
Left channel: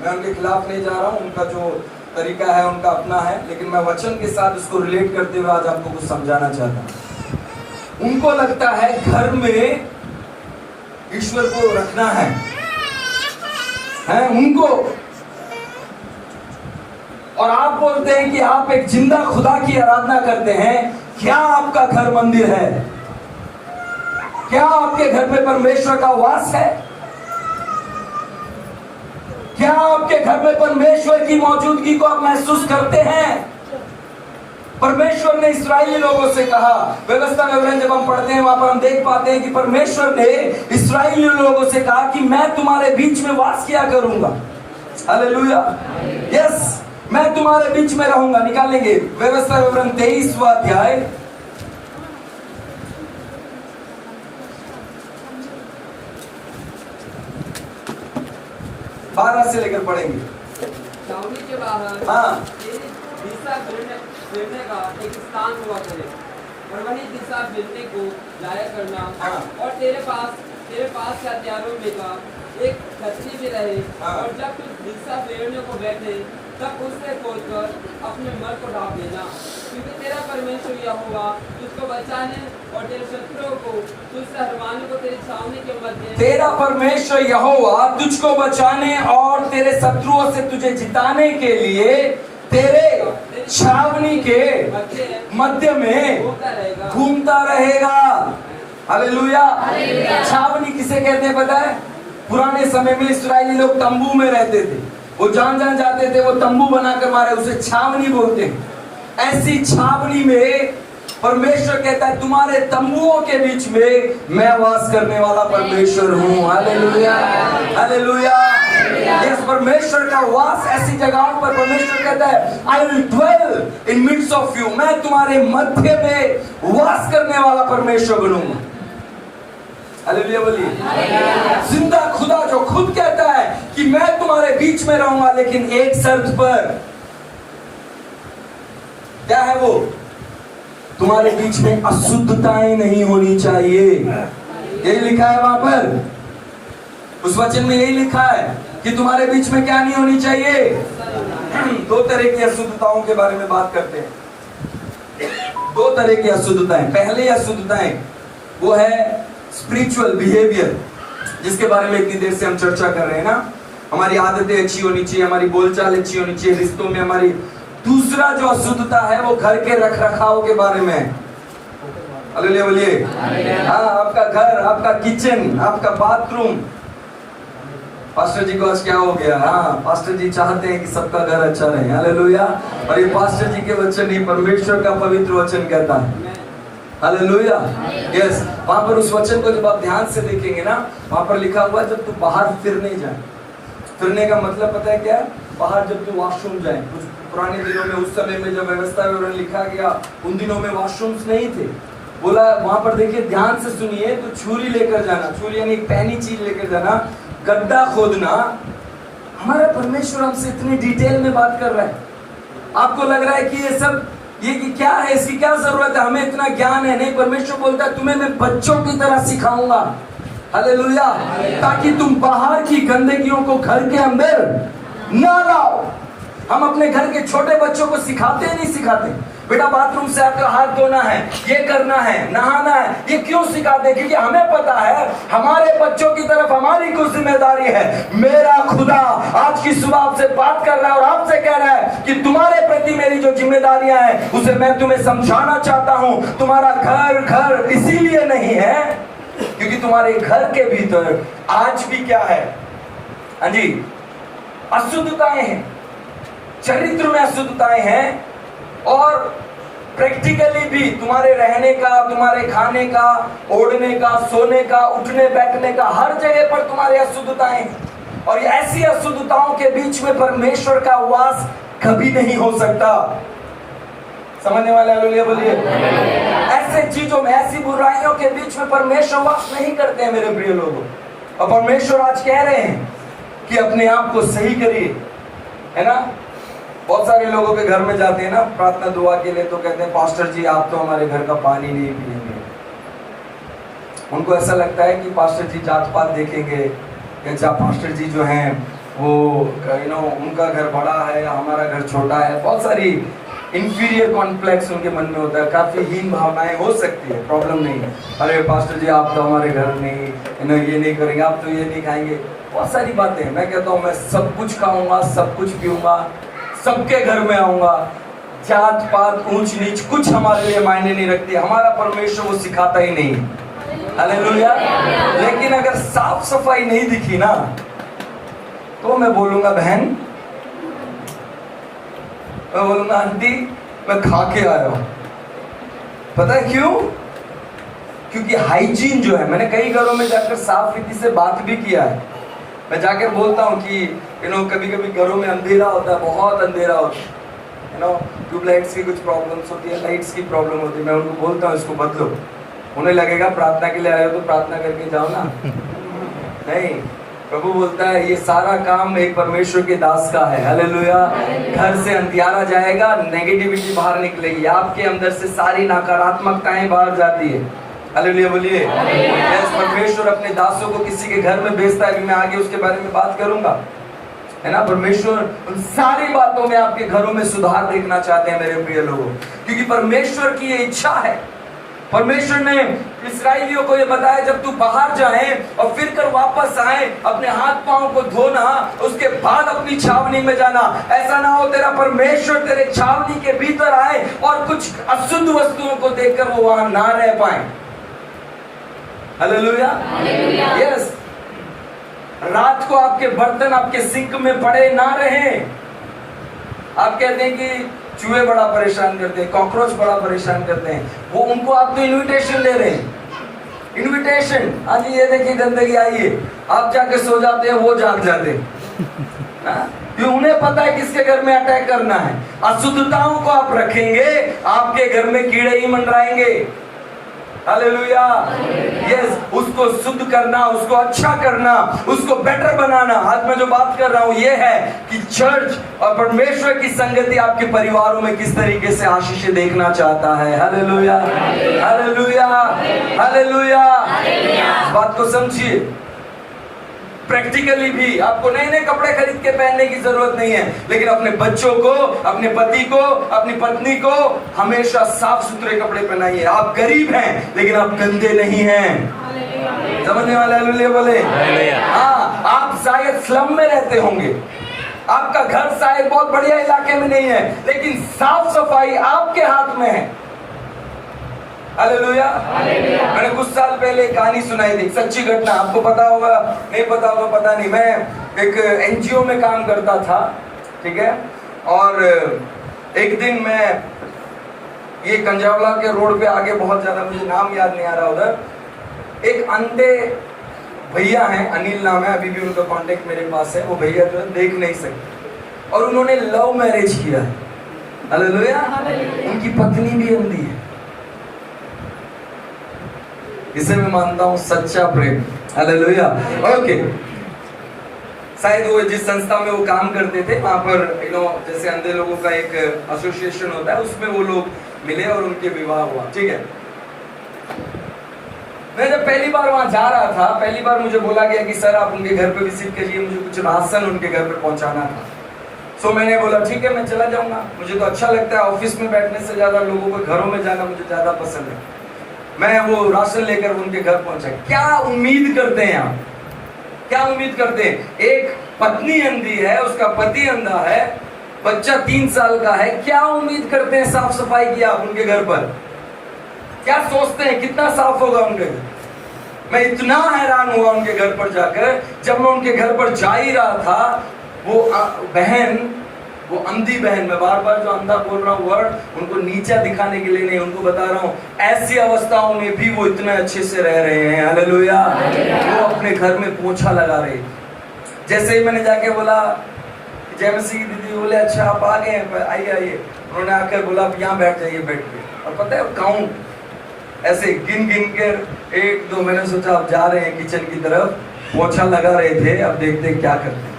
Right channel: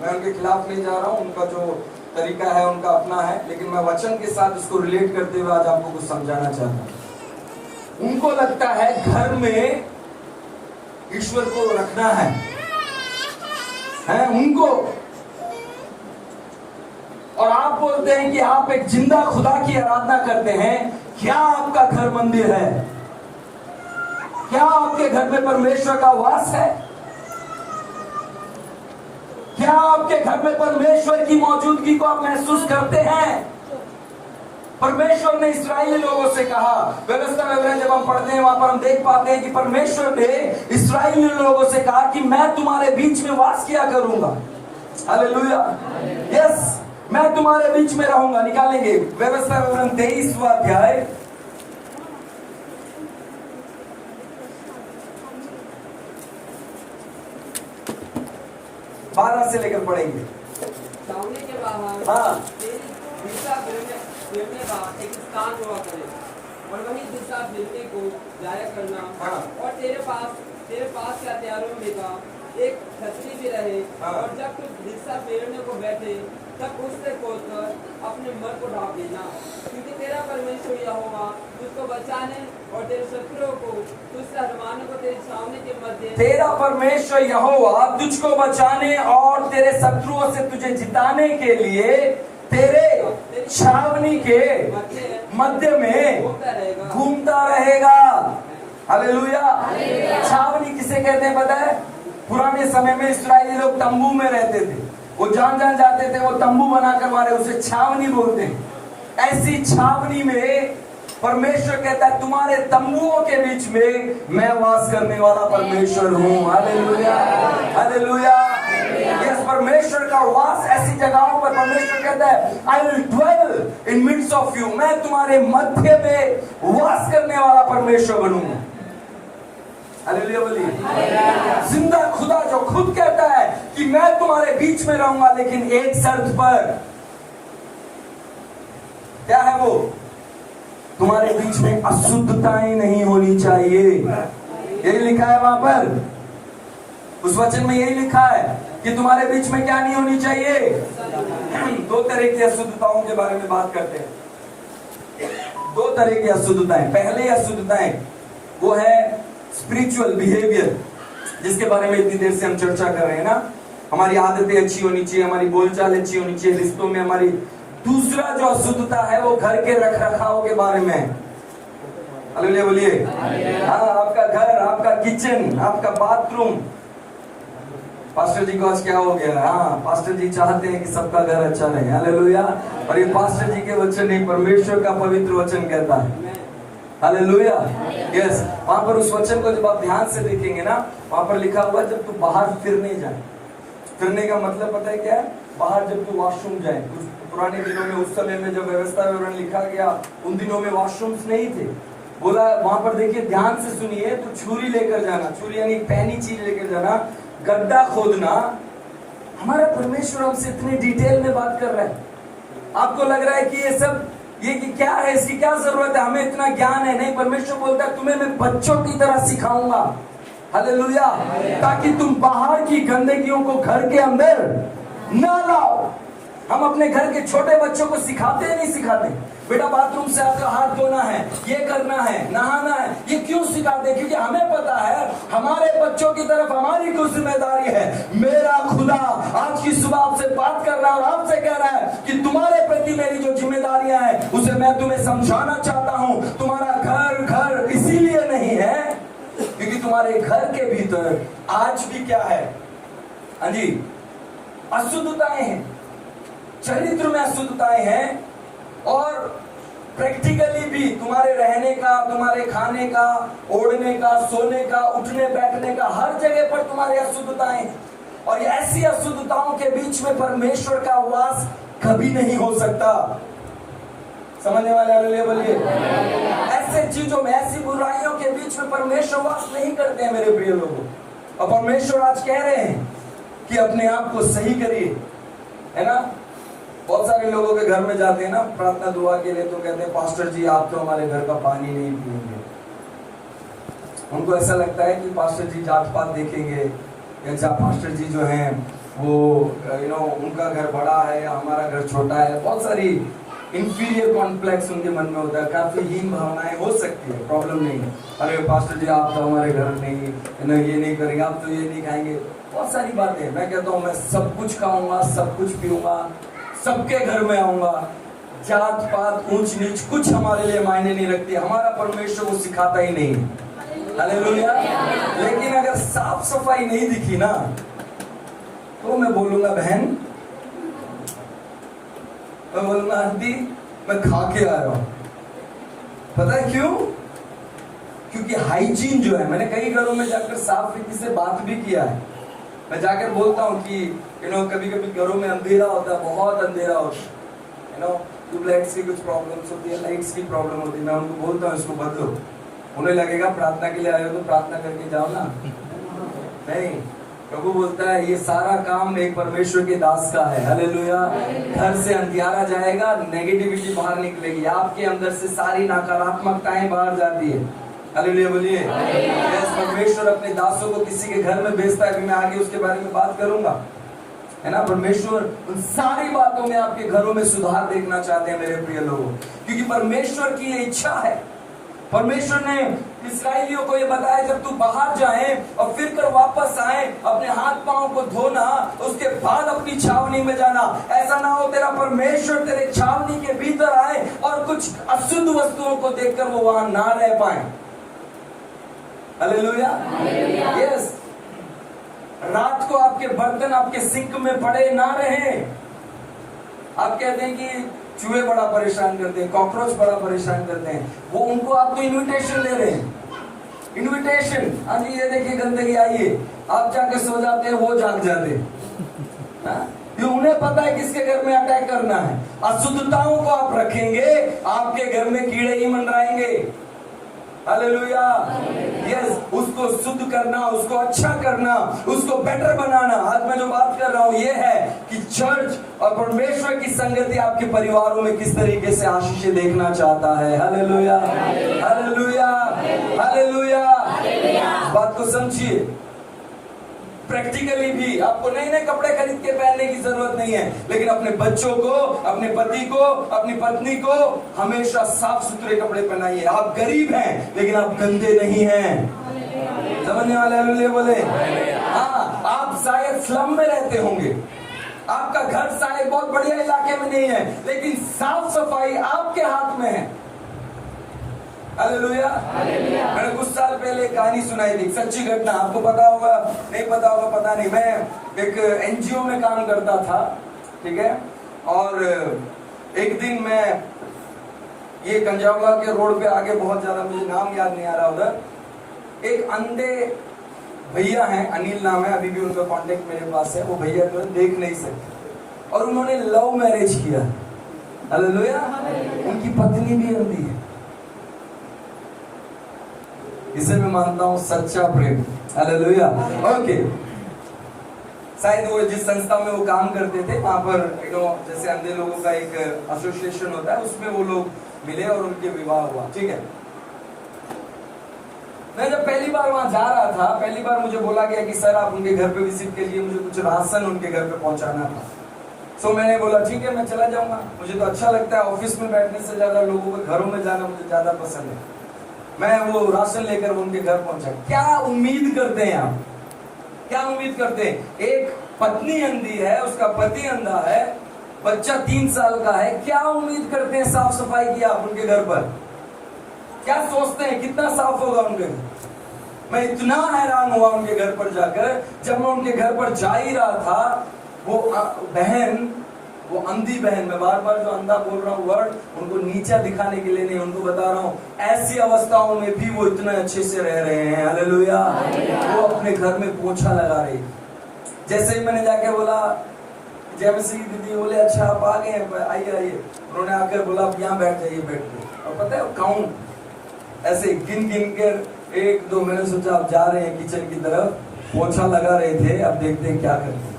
मैं उनके खिलाफ नहीं जा रहा हूं, उनका जो तरीका है उनका अपना है, लेकिन मैं वचन के साथ उसको रिलेट करते हुए आज आपको कुछ समझाना चाहता हूं। उनको लगता है घर में ईश्वर को रखना है उनको, और आप बोलते हैं कि आप एक जिंदा खुदा की आराधना करते हैं। क्या आपका घर मंदिर है? क्या आपके घर में परमेश्वर का वास है? क्या आपके घर में परमेश्वर की मौजूदगी को आप महसूस करते हैं? परमेश्वर ने इस्राएली लोगों से कहा, व्यवस्था में जब हम पढ़ते हैं वहां पर हम देख पाते हैं कि परमेश्वर ने इस्राएली लोगों से कहा कि मैं तुम्हारे बीच में वास किया करूंगा। हालेलुया। यस, मैं तुम्हारे बीच में रहूंगा। निकालेंगे व्यवस्था विवरण 23वां अध्याय, 12 से लेकर पढ़ेंगे। छावनी के बाहर हाँ। तेरी दिशा फिरने का एक स्थान हुआ करे और वही दिशा फिरने को जाया करना। हाँ। और तेरे पास के हथियारों में का एक छतरी भी रहे। हाँ। और जब तू दिशा फेरने को बैठे तब उससे खोदकर अपने मर को ढाप देना, क्योंकि तेरा परमेश्वर यहोवा तुझको बचाने और तेरे शत्रुओं को तुझसे हरवाने को तेरी छावनी के मध्य। तेरा परमेश्वर यहोवा तुझको बचाने और तेरे शत्रुओं से तुझे जिताने के लिए तेरे छावनी के मध्य में घूमता रहेगा। हालेलुया। छावनी किसे कहते हैं पता है? पुराने समय में इस्राएली लोग तंबू में रहते थे, वो जान जाते थे, वो तंबू बनाकर मारे, उसे छावनी बोलते हैं। ऐसी छावनी में परमेश्वर कहता है तुम्हारे तंबुओं के बीच में मैं वास करने वाला परमेश्वर हूँ। Hallelujah, hallelujah. यस, परमेश्वर का वास ऐसी जगहों पर परमेश्वर कहता है I will dwell in midst of you, मैं तुम्हारे मध्य में वास करने वाला परमेश्वर बनूंगा। हालेलुया बोलिए। जिंदा खुदा जो खुद कहता है कि मैं तुम्हारे बीच में रहूंगा, लेकिन एक शर्त पर। क्या है वो? तुम्हारे बीच में अशुद्धताएं नहीं होनी चाहिए। यही लिखा है वहां पर, उस वचन में यही लिखा है कि तुम्हारे बीच में क्या नहीं होनी चाहिए। दो तरह की अशुद्धताओं के बारे में बात करते हैं। दो तरह की अशुद्धताएं। पहले अशुद्धताएं वो है स्पिरिचुअल बिहेवियर, जिसके बारे में इतनी देर से हम चर्चा कर रहे हैं ना। हमारी आदतें अच्छी होनी चाहिए, हमारी बोलचाल अच्छी होनी चाहिए, रिश्तों में हमारी। दूसरा जो अशुद्धता है वो घर के रख रखाव के बारे में है। हालेलुया बोलिए। हाँ, आपका घर, आपका किचन, आपका बाथरूम। पास्टर जी को आज क्या हो गया? हाँ, पास्टर जी चाहते हैं कि सबका घर अच्छा रहे। हालेलुया। और ये पास्टर जी के वचन नहीं, परमेश्वर का पवित्र वचन कहता है। हालेलुया। यस, वहां पर उस वचन को जब आप ध्यान से देखेंगे ना, वहां पर लिखा हुआ है जब तू बाहर फिरने जाए। फिरने का मतलब पता है क्या? बाहर जब तू वॉशरूम जाए। कुछ पुराने दिनों में, उस समय में जब व्यवस्था विवरण लिखा गया, उन दिनों में वॉशरूम्स नहीं थे। बोला वहां पर देखिए, ध्यान से सुनिए, तो छुरी लेकर जाना, छुरी यानी एक पैनी चीज लेकर जाना, गड्ढा खोदना। हमारा परमेश्वर हमसे इतनी डिटेल में बात कर रहा है। आपको लग रहा है कि ये सब ये कि क्या है, इसकी क्या जरूरत है, हमें इतना ज्ञान है? नहीं, परमेश्वर बोलता है तुम्हें मैं बच्चों की तरह सिखाऊंगा। हालेलुया। ताकि तुम बाहर की गंदगियों को घर के अंदर ना लाओ। हम अपने घर के छोटे बच्चों को सिखाते नहीं सिखाते, बेटा बाथरूम से आपका हाथ धोना है, ये करना है, नहाना है। ये क्यों सिखाते? क्योंकि हमें पता है हमारे बच्चों की तरफ हमारी कुछ जिम्मेदारी है। मेरा खुदा आज की सुबह आपसे बात कर रहा है और आपसे कह रहा है कि तुम्हारे प्रति मेरी जो जिम्मेदारियां हैं उसे मैं तुम्हें समझाना चाहता हूं। तुम्हारा घर इसीलिए नहीं है क्योंकि तुम्हारे घर के भीतर आज भी क्या है? हाँ जी, अशुद्धताएं हैं, चरित्र में अशुद्धताएं हैं, और प्रैक्टिकली भी तुम्हारे रहने का, तुम्हारे खाने का, ओढ़ने का, सोने का, उठने बैठने का, हर जगह पर तुम्हारी अशुद्धताएं हैं। और ऐसी अशुद्धताओं के बीच में परमेश्वर का वास कभी नहीं हो सकता। समझने वाले हालेलुया बोलिए। ऐसे चीजों में, ऐसी बुराइयों के बीच में परमेश्वर वास नहीं करते हैं मेरे प्रिय लोगों। और परमेश्वर आज कह रहे हैं कि अपने आप को सही करिए, है ना। बहुत सारे लोगों के घर में जाते हैं ना प्रार्थना दुआ के लिए, तो कहते हैं पास्टर जी आप तो हमारे घर का पानी नहीं पिएंगे। उनको ऐसा लगता है कि पास्टर जी जात पात देखेंगे, पास्टर जी जो हैं वो उनका घर बड़ा है, हमारा घर छोटा है। बहुत सारी इंफीरियर कॉम्प्लेक्स उनके मन में होता है, काफी हीन भावनाएं हो सकती है, प्रॉब्लम नहीं है। अरे पास्टर जी आप तो हमारे घर नहीं, ये नहीं करेंगे, आप तो ये नहीं खाएंगे, बहुत सारी बातें। मैं कहता हूँ मैं सब कुछ खाऊंगा, सब कुछ पीऊंगा, सबके घर में आऊंगा। जात पात ऊंच नीच कुछ हमारे लिए मायने नहीं रखती। हमारा परमेश्वर वो सिखाता ही नहीं। हालेलुया। लेकिन अगर साफ सफाई नहीं दिखी ना, तो मैं बोलूंगा बहन, मैं बोलूंगा आंटी मैं खा के आया हूं। पता है क्यों? क्योंकि हाइजीन जो है, मैंने कई घरों में जाकर साफ रीति से बात भी किया है। मैं जाकर बोलता हूँ कि कभी कभी घरों में अंधेरा होता है, बहुत अंधेरा होता है, ट्यूबलाइट्स की कुछ प्रॉब्लम्स होती है, लाइट्स की प्रॉब्लम होती है। मैं उनको बोलता हूँ इसको बदलो। उन्हें लगेगा प्रार्थना के लिए आए हो तो प्रार्थना करके जाओ ना। नहीं, प्रभु बोलता है ये सारा काम एक परमेश्वर के दास का है। हालेलुया। घर से अंधियारा जाएगा, नेगेटिविटी बाहर निकलेगी, आपके अंदर से सारी नकारात्मकताएं बाहर जाती है। हालेलुया बोलिए। यस, परमेश्वर अपने दासों को किसी के घर में भेजता है, मैं आगे उसके बारे में बात करूंगा, है ना। परमेश्वर उन सारी बातों में आपके घरों में सुधार देखना चाहते हैं मेरे प्रिय लोगों, क्योंकि परमेश्वर की ये इच्छा है। परमेश्वर ने इस्राएलियों को ये बताया जब तू बाहर जाए और फिर कर वापस आए, अपने हाथ पांव को धोना, उसके बाद अपनी छावनी में जाना। ऐसा ना हो तेरा परमेश्वर तेरे छावनी के भीतर आए और कुछ अशुद्ध वस्तुओं को देखकर वो वहां ना रह पाए। हालेलुया। यस, रात को आपके बर्तन आपके सिंक में पड़े ना रहे। आप कहते हैं कि चूहे बड़ा परेशान करते हैं, कॉकरोच बड़ा परेशान करते हैं, वो उनको आप तो इनविटेशन दे रहे हैं, इनविटेशन, आज ये देखिए गंदगी आई है, आप जाके सो जाते हैं, वो जाग जाते हैं। क्यों? उन्हें पता है किसके घर में अटैक करना है। अशुद्धताओं को आप रखेंगे, आपके घर में कीड़े ही मंडराएंगे। हालेलुया। यस, उसको शुद्ध करना, उसको अच्छा करना, उसको बेटर बनाना। आज मैं जो बात कर रहा हूं ये है कि चर्च और परमेश्वर की संगति आपके परिवारों में किस तरीके से आशीष देखना चाहता है। Hallelujah, hallelujah, hallelujah. इस बात को समझिए। प्रैक्टिकली भी आपको नए नए कपड़े खरीद के पहनने की जरूरत नहीं है, लेकिन अपने बच्चों को, अपने पति को, अपनी पत्नी को हमेशा साफ सुथरे कपड़े पहनाइए। आप गरीब हैं लेकिन आप गंदे नहीं हैं। समझने वाले हालेलुया बोले। हाँ, आप शायद स्लम में रहते होंगे, आपका घर शायद बहुत बढ़िया इलाके में नहीं है, लेकिन साफ सफाई आपके हाथ में है। हालेलुया। मैंने कुछ साल पहले एक कहानी सुनाई थी, सच्ची घटना, आपको पता होगा नहीं पता होगा पता नहीं। मैं एक एनजीओ में काम करता था, ठीक है, और एक दिन मैं ये कंजावला के रोड पे आगे, बहुत ज्यादा मुझे नाम याद नहीं आ रहा उधर, एक अंधे भैया हैं, अनिल नाम है, अभी भी उनका कांटेक्ट मेरे पास है। वो भैया तो देख नहीं सकते और उन्होंने लव मैरिज किया है। हालेलुया। उनकी पत्नी भी अंधी है। इसे मैं मानता हूं सच्चा प्रेम। हालेलुया। ओके, शायद वो जिस संस्था में वो काम करते थे वहां पर जैसे अंधे लोगों का एक एसोसिएशन होता है, उसमें वो लोग मिले और उनके विवाह हुआ। ठीक है, मैं जब पहली बार वहां जा रहा था, पहली बार मुझे बोला गया कि सर आप उनके घर पे विजिट करिए, मुझे कुछ राशन उनके घर पे पहुंचाना था। सो मैंने बोला ठीक है मैं चला जाऊंगा, मुझे तो अच्छा लगता है, ऑफिस में बैठने से ज्यादा लोगों के घरों में जाना मुझे ज्यादा पसंद है। मैं वो राशन लेकर उनके घर पहुंचा। क्या उम्मीद करते हैं आप, क्या उम्मीद करते हैं? एक पत्नी अंधी है, उसका पति अंधा है, बच्चा 3 साल का है, क्या उम्मीद करते हैं साफ सफाई की आप उनके घर पर? क्या सोचते हैं कितना साफ होगा उनके घर? मैं इतना हैरान हुआ उनके घर पर जाकर, जब मैं उनके घर पर जा ही रहा था, वो बहन, वो अंधी बहन, मैं बार बार जो अंधा बोल रहा हूँ वर्ड, उनको नीचा दिखाने के लिए नहीं, उनको बता रहा हूँ ऐसी अवस्थाओं में भी वो इतने अच्छे से रह रहे हैं। हालेलुया। वो अपने घर में पोछा लगा रहे थे। जैसे ही मैंने जाके बोला, जयमसी की दीदी बोले अच्छा आप आ गए, आइए आइए, उन्होंने आकर बोला आप यहाँ बैठ जाइए बेड पे, और पता है काउंट ऐसे गिन गिन कर 1 2, मैंने सोचा आप जा रहे हैं किचन की तरफ, पोछा लगा रहे थे, अब देखते हैं क्या करते हैं।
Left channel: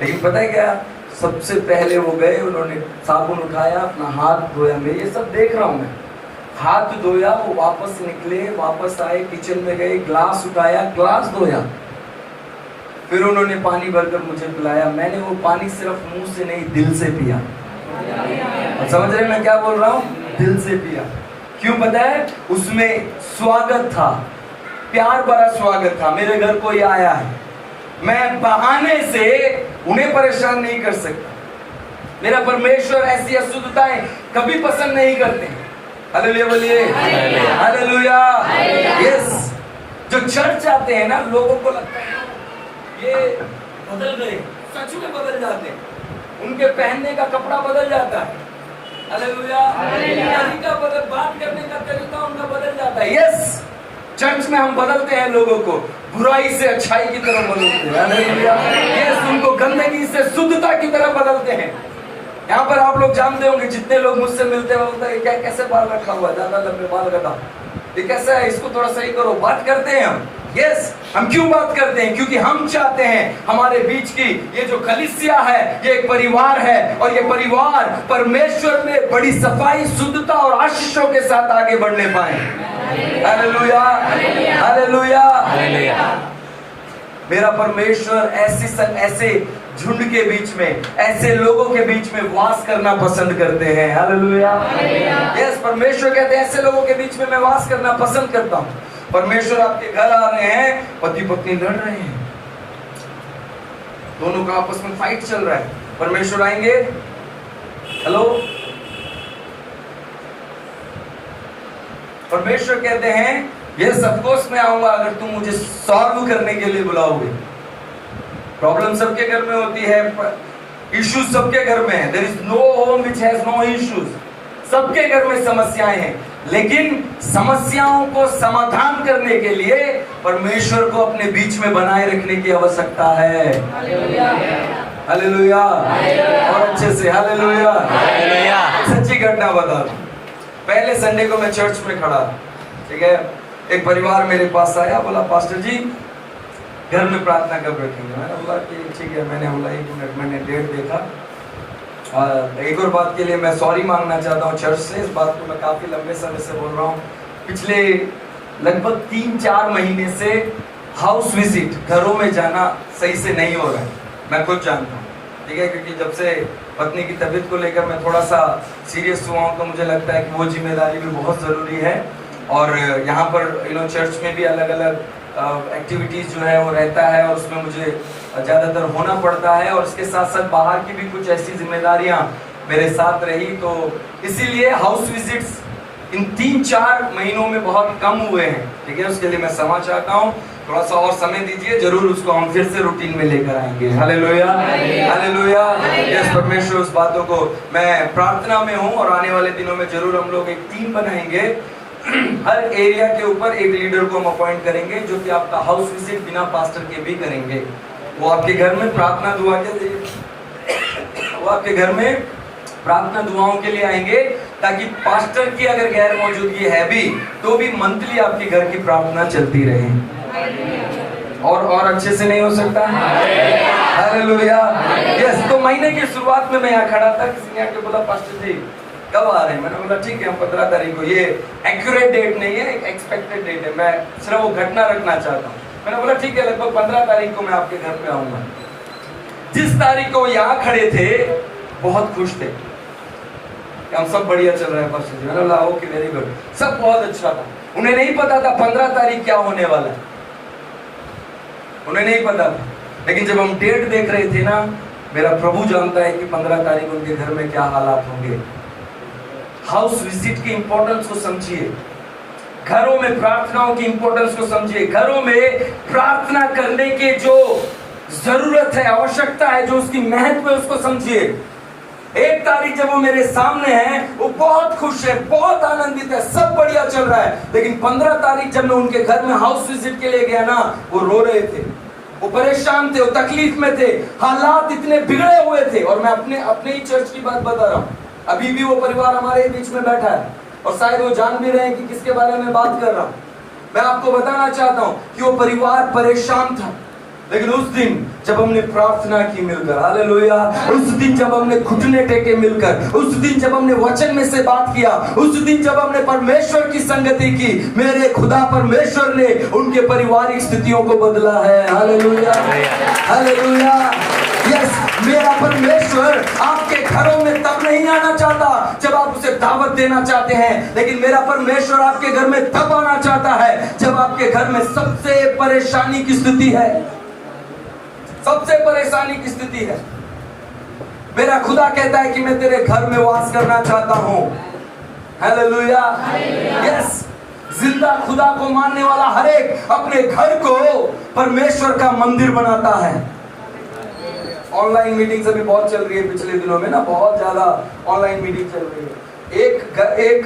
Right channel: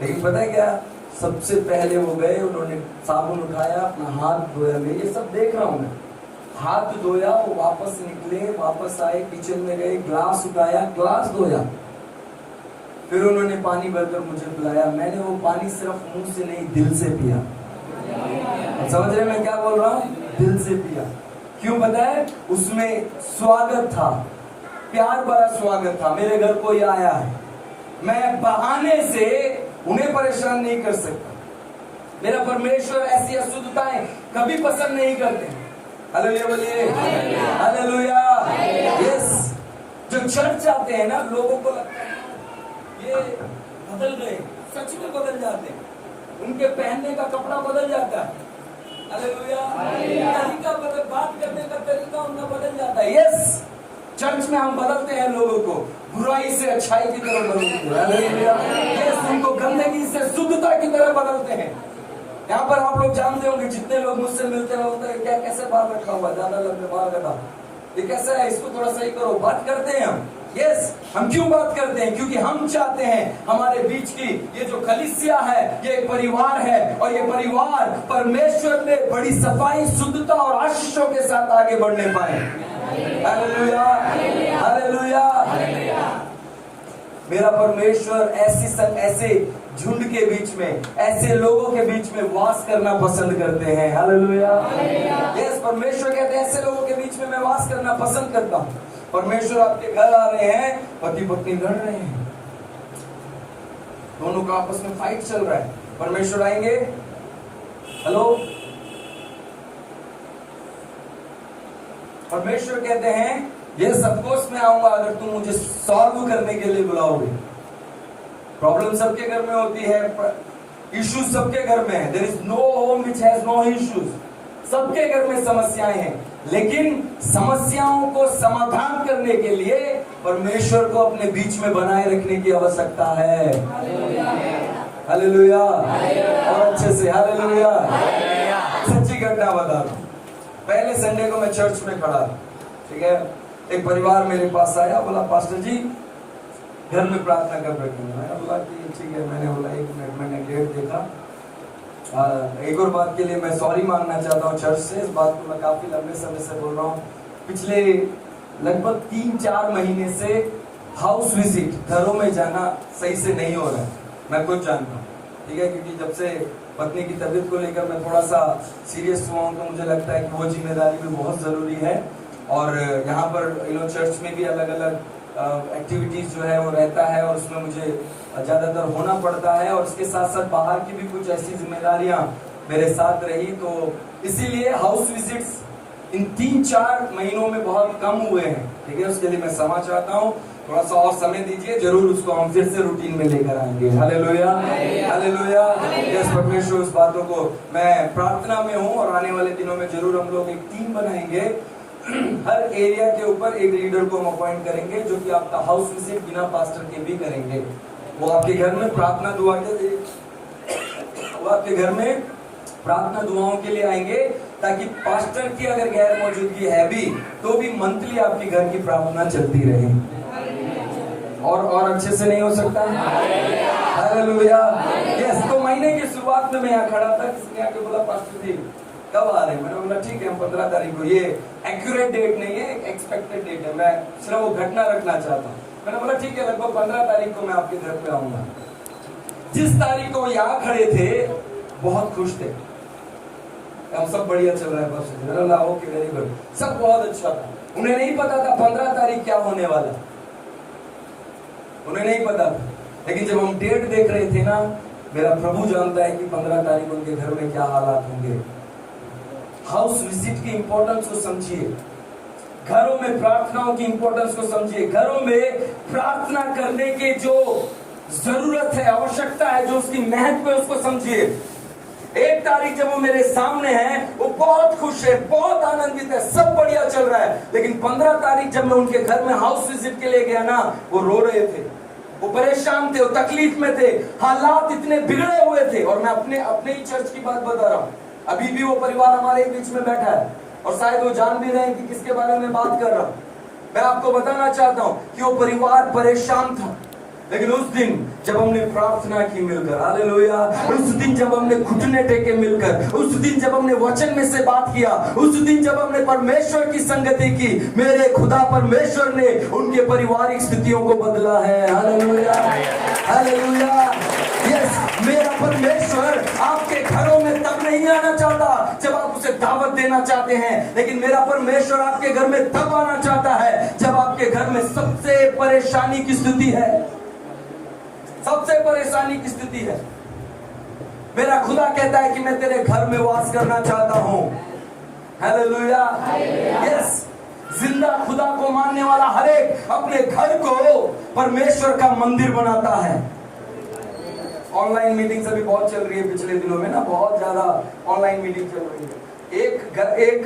लेकिन पता है क्या, सबसे पहले वो गए, उन्होंने साबुन उठाया, अपना हाथ धोया, मैं ये सब देख रहा हूँ, मैं हाथ धोया, वो वापस निकले, वापस आए, किचन में गए, ग्लास उठाया, ग्लास धोया, फिर उन्होंने पानी भरकर मुझे पिलाया। मैंने वो पानी सिर्फ मुंह से नहीं दिल से पिया। समझ रहे मैं क्या बोल रहा हूँ? दिल से पिया। क्यों पता है? उसमें स्वागत था, प्यार भरा स्वागत था। मेरे घर कोई आया है, मैं बहाने से उन्हें परेशान नहीं कर सकता। मेरा परमेश्वर ऐसी अशुद्धताएं कभी पसंद नहीं करते। हालेलुया बोलिए। हालेलुया। यस, जो चर्च आते हैं ना, लोगों को लगता है ये बदल गए, सच में बदल जाते हैं, उनके पहनने का कपड़ा बदल जाता है। हालेलुया। तरीका बदल, बात करने का तरीका उनका बदल जाता है। यस, चर्च में हम बदलते हैं लोगों को, बुराई से अच्छाई की तरफ बदलते हैं। यस, उनको गंदगी से शुद्धता की तरफ बदलते हैं। यहाँ पर आप लोग जानते होंगे, जितने लोग मुझसे मिलते हैं बोलते हैं क्या कैसे बाल रखा हुआ है, ज्यादा लंबे बाल रखा, ये कैसा है, इसको थोड़ा सही करो, बात करते हैं हम। यस, हम क्यों बात करते हैं? क्योंकि हम चाहते हैं हमारे बीच की ये जो कलीसिया है, ये एक परिवार है, और ये परिवार परमेश्वर में बड़ी सफाई, शुद्धता और आशीषों के साथ आगे बढ़ने पाए। Hallelujah, hallelujah, hallelujah. मेरा परमेश्वर ऐसे झुंड के बीच में, ऐसे लोगों के बीच में वास करना पसंद करते हैं। हालेलुया, यस, परमेश्वर कहते हैं ऐसे लोगों के बीच में मैं वास करना पसंद करता हूँ। परमेश्वर आपके घर आ रहे हैं, पति पत्नी लड़ रहे हैं, दोनों का आपस में फाइट चल रहा है, परमेश्वर आएंगे, हेलो, परमेश्वर कहते हैं यस ऑफ कोर्स मैं आऊंगा अगर तुम मुझे सॉल्व करने के लिए बुलाओगे। प्रॉब्लम सबके घर में होती है, इश्यूज सबके घर में है। There is no home which has no issues. सबके घर में समस्याएं हैं, लेकिन समस्याओं को समाधान करने के लिए परमेश्वर को अपने बीच में बनाए रखने की आवश्यकता है। हालेलुया, और अच्छे से हालेलुया। सच्ची घटना बता रहा हूं। पहले संडे को मैं चर्च में खड़ा, ठीक है, एक परिवार मेरे पास आया, बोला पास्टर जी घर में प्रार्थना कब रखेंगे? मैंने बोला कि ठीक है। मैंने बोला 1 मिनट, मैंने डेट देखा, और एक और बात के लिए मैं सॉरी मांगना चाहता हूँ चर्च से। इस बात को मैं काफ़ी लंबे समय से बोल रहा हूँ। पिछले लगभग 3-4 महीने से हाउस विजिट, घरों में जाना सही से नहीं हो रहा है, मैं खुद जानता हूँ, ठीक है, क्योंकि जब से पत्नी की तबीयत को लेकर मैं थोड़ा सा सीरियस हुआ हूँ, तो मुझे लगता है कि वो जिम्मेदारी भी बहुत ज़रूरी है। और यहाँ पर चर्च में भी अलग अलग एक्टिविटीज़ जो है वो रहता है, और उसमें मुझे ज़्यादातर होना पड़ता है, और इसके साथ साथ बाहर की भी कुछ ऐसी जिम्मेदारियाँ मेरे साथ रही, तो इसीलिए हाउस विजिट्स इन 3-4 महीनों में बहुत कम हुए हैं, ठीक है। उसके लिए मैं क्षमा चाहता हूँ, थोड़ा सा और समय दीजिए, जरूर उसको हम फिर से रूटीन में लेकर आएंगे। Hallelujah, hallelujah. यस, परमेश्वर उस बातों को, मैं प्रार्थना में हूँ, और आने वाले दिनों में जरूर हम लोग एक टीम बनाएंगे। हर एरिया के ऊपर एक लीडर को हम अपॉइंट करेंगे, जो कि आपका हाउस विजिट बिना पास्टर के भी करेंगे। वो आपके घर में प्रार्थना दुआ के लिए, वो आपके घर में प्रार्थना दुआओं के लिए आएंगे, ताकि पास्टर की अगर गैर मौजूदगी है भी, तो भी मंथली आपके घर की प्रार्थना चलती रहे। और अच्छे से नहीं हो सकता? हालेलुया। यस, तो महीने की शुरुआत में मैं यहाँ खड़ा था, किसी ने आके बोला पास्टर जी कब आ रहे हैं? मैंने बोला ठीक है, हम 15 तारीख को, ये एक्यूरेट डेट नहीं है, एक एक्सपेक्टेड डेट है, मैं सिर्फ वो घटना रखना चाहता हूँ। मैंने बोला ठीक है, लगभग 15 तारीख को मैं आपके घर पे आऊंगा। जिस तारीख को यहाँ खड़े थे बहुत खुश थे, हम सब बढ़िया चल रहा है पास्टर जी। मैंने बोला ओके, वेरी गुड, सब बहुत अच्छा था। उन्हें नहीं पता था 15 तारीख क्या होने वाला है, उन्हें नहीं पता था, लेकिन जब हम डेट देख रहे थे ना, मेरा प्रभु जानता है कि 15 तारीख उनके घर में क्या हालात होंगे। हाउस विजिट की इंपॉर्टेंस को समझिए, घरों में प्रार्थनाओं की इंपॉर्टेंस को समझिए, घरों में प्रार्थना करने के जो जरूरत है, आवश्यकता है, जो उसकी महत्व है, उसको समझिए। 1 तारीख जब वो मेरे सामने है, वो बहुत खुश है, बहुत आनंदित है, सब बढ़िया चल रहा है, लेकिन 15 तारीख जब मैं उनके घर में हाउस विजिट के लिए गया ना, वो रो रहे थे, वो परेशान थे, वो तकलीफ में थे, हालात इतने बिगड़े हुए थे। और मैं अपने ही चर्च की बात बता रहा हूँ, अभी भी वो परिवार हमारे बीच में बैठा है, और शायद वो जान भी रहे हैं कि किसके बारे में बात कर रहा हूँ। मैं आपको बताना चाहता हूँ कि वो परिवार परेशान था, लेकिन उस दिन जब हमने प्रार्थना की मिलकर, हालेलुया, उस दिन जब हमने घुटने टेके मिलकर, उस दिन जब हमने वचन में से बात किया, उस दिन जब हमने परमेश्वर की संगति की, मेरे खुदा परमेश्वर ने उनके पारिवारिक स्थितियों को बदला है। Hallelujah, hallelujah. यस, मेरा परमेश्वर आपके घरों में तब नहीं आना चाहता जब आप उसे दावत देना चाहते हैं, लेकिन मेरा परमेश्वर आपके घर में तब आना चाहता है जब आपके घर में सबसे परेशानी की स्थिति है, सबसे परेशानी की स्थिति है। मेरा खुदा कहता है कि मैं तेरे घर में वास करना चाहता हूं। Hallelujah, yes. जिंदा खुदा को मानने वाला हर एक अपने घर को परमेश्वर का मंदिर बनाता है। ऑनलाइन मीटिंग्स अभी बहुत चल रही है, पिछले दिनों में ना बहुत ज्यादा ऑनलाइन मीटिंग चल रही है। एक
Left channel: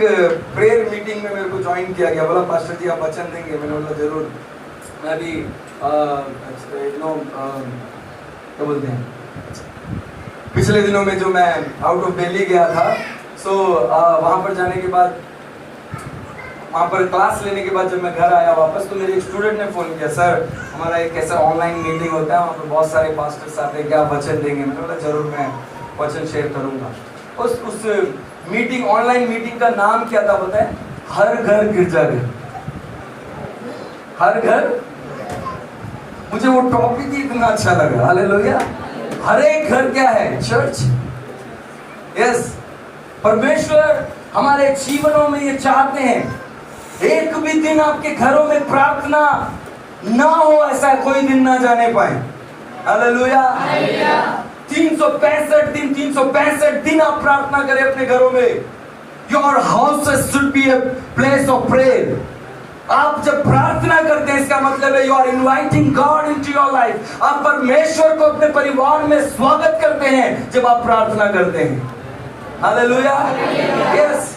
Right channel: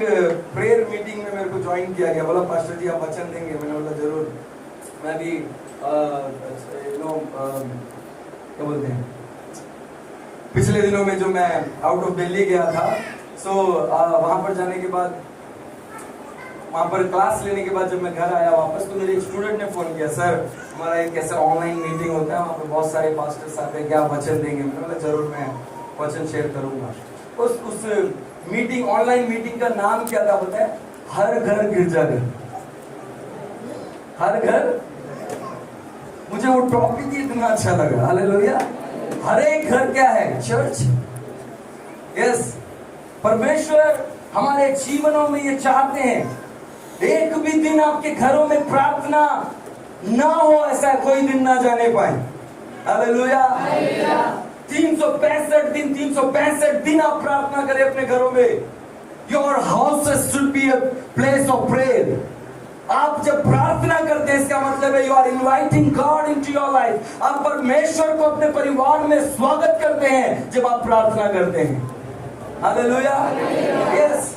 प्रेयर मीटिंग में मेरे को ज्वाइन किया गया, बोला पास्टर जी आप वचन देंगे? मैंने बोला जरूर। मैं भी क्या बोलते हैं, पिछले दिनों में जो मैं आउट ऑफ दिल्ली गया था, सो वहां पर जाने के बाद वहाँ पर क्लास लेने के बाद जब मैं घर आया वापस, तो मेरे एक स्टूडेंट ने फ़ोन किया, सर हमारा एक ऐसा ऑनलाइन मीटिंग होता है, वहाँ पर बहुत सारे पास्टर्स आते हैं, क्या वचन देंगे? मैंने बोला जरूर, मैं वचन शेयर करूँगा। उस मीटिंग, ऑनलाइन मीटिंग का नाम क्या था पता है? हर घर गिरजाघर। हर घर, मुझे वो टॉपिक ही इतना अच्छा लगा। हालेलुया। हर एक घर क्या है? चर्च। यस, परमेश्वर हमारे जीवनों में ये चाहते हैं, एक भी दिन आपके घरों में प्रार्थना ना हो, ऐसा कोई दिन ना जाने पाए। हालेलुया। 365 दिन आप प्रार्थना करें अपने घरों में। Your houses should be a place of prayer. आप जब प्रार्थना करते हैं, इसका मतलब है you are inviting God into your life. आप परमेश्वर को अपने परिवार में स्वागत करते हैं जब आप प्रार्थना करते हैं। हालेलुया। यस,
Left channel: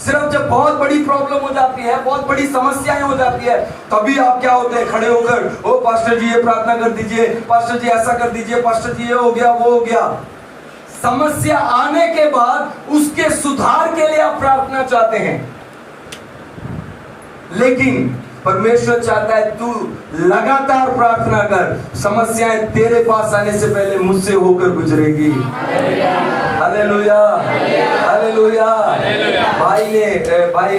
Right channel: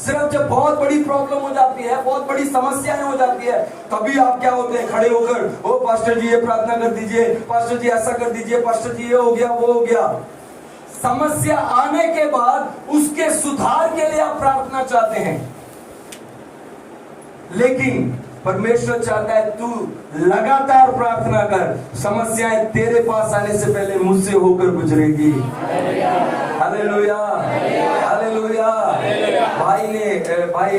सिर्फ जब बहुत बड़ी प्रॉब्लम हो जाती है, बहुत बड़ी समस्याएं हो जाती है, तभी आप क्या होते हैं? खड़े होकर, ओ पास्टर जी ये प्रार्थना कर दीजिए, पास्टर जी ऐसा कर दीजिए, पास्टर जी ये हो गया, वो हो गया। समस्या आने के बाद उसके सुधार के लिए आप प्रार्थना चाहते हैं, लेकिन परमेश्वर चाहता है तू लगातार प्रार्थना कर। समस्याएं तेरे पास आने से पहले मुझसे होकर गुजरेगी। Hallelujah, hallelujah. भाई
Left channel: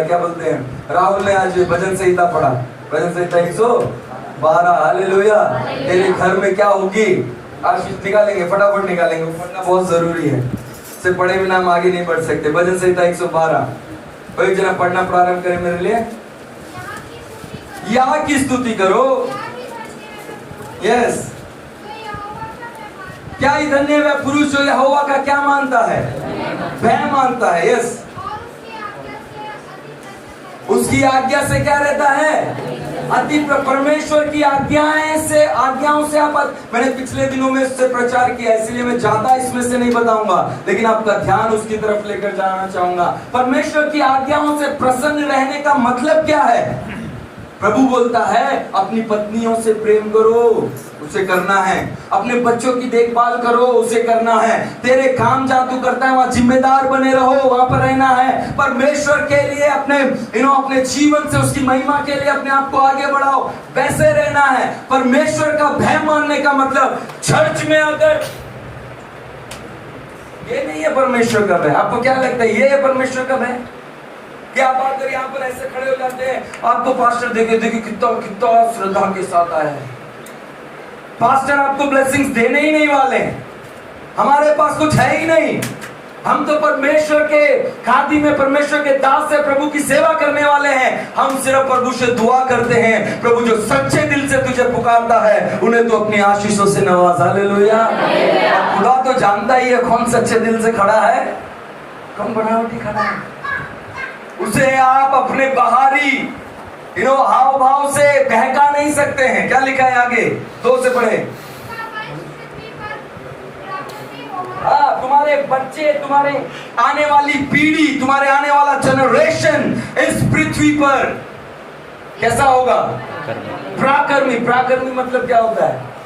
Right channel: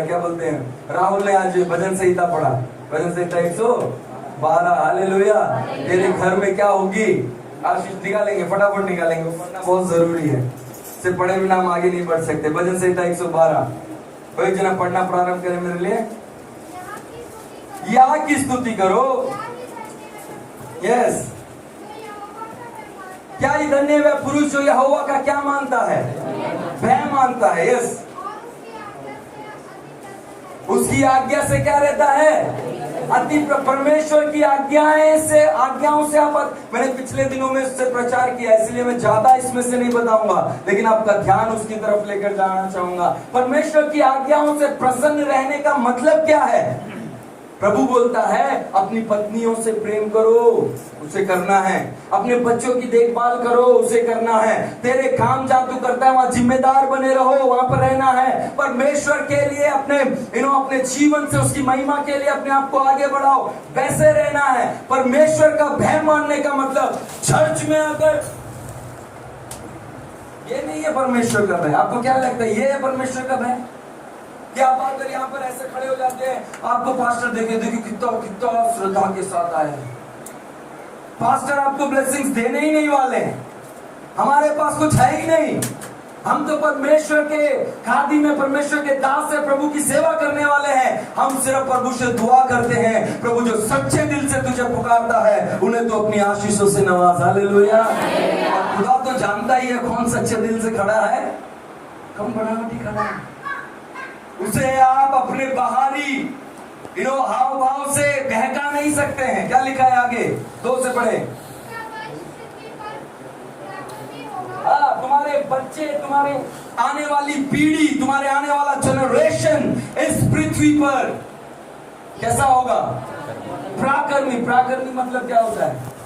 क्या बोलते हैं, राहुल ने आज भजन संहिता पढ़ा, भजन संहिता 112। हालेलुया। तेरे घर में क्या होगी? आशीष निकालेंगे, फटाफट निकालेंगे, पढ़ना बहुत जरूरी है, इससे पढ़े बिना हम आगे नहीं बढ़ सकते। भजन संहिता 112, कोई जना पढ़ना प्रारंभ करे मेरे लिए। यहाँ की स्तुति करो। यस, क्या ही धन्य है पुरुष जो यहोवा का क्या मानता है? भय मानता है। यस, उसकी आज्ञा से क्या रहता है? अति। परमेश्वर की आज्ञाओं से आप, मैंने पिछले दिनों में इससे प्रचार किया, इसलिए मैं ज्यादा इसमें से नहीं बताऊंगा, लेकिन आपका ध्यान उसकी तरफ लेकर जाना चाहूंगा। परमेश्वर की आज्ञाओं से प्रसन्न रहने का मतलब क्या है? प्रभु बोलता है अपनी पत्नियों से प्रेम करो, उसे करना है। अपने बच्चों की देखभाल करो, उसे करना है। तेरे काम जहां तू करता है वहां जिम्मेदार बने रहो, वहां पर रहना है। परमेश्वर के लिए अपने जीवन से उसकी महिमा के लिए अपने आप को आगे बढ़ाओ, वैसे रहना है। परमेश्वर का भय मानने का मतलब चर्च में अगर ये नहीं है परमेश्वर का भय। आपको क्या लगता है ये है परमेश्वर का भय? कि आप आकर यहाँ पर ऐसे खड़े हो जाते हैं, आपको पास्टर देखिए कितना श्रद्धा के साथ आया है। पास्टर आपको ब्लेसिंग्स देने ही नहीं वाले हैं, हमारे पास कुछ है ही नहीं। हम तो परमेश्वर के खादी में, परमेश्वर के दास से प्रभु की सेवा करने वाले हैं। हम सिर्फ प्रभु से दुआ करते हैं, प्रभु जो सच्चे दिल से तुझे पुकारता है उन्हें तो अपनी आशीषों से नवाज। हालेलुया। और खुदा तो जानता ही है कौन सच्चे दिल से खड़ा है, कौन बनावटी खड़ा है। उसे आप अपने बाहरी हाव भाव से बहका नहीं सकते हैं। क्या लिखा है आगे? 2 से पढ़े। हाँ, तुम्हारे बच्चे, तुम्हारे आने वाली पीढ़ी, तुम्हारे आने वाला जनरेशन इस पृथ्वी पर कैसा होगा? प्राकर्मी। प्राकर्मी मतलब क्या होता है?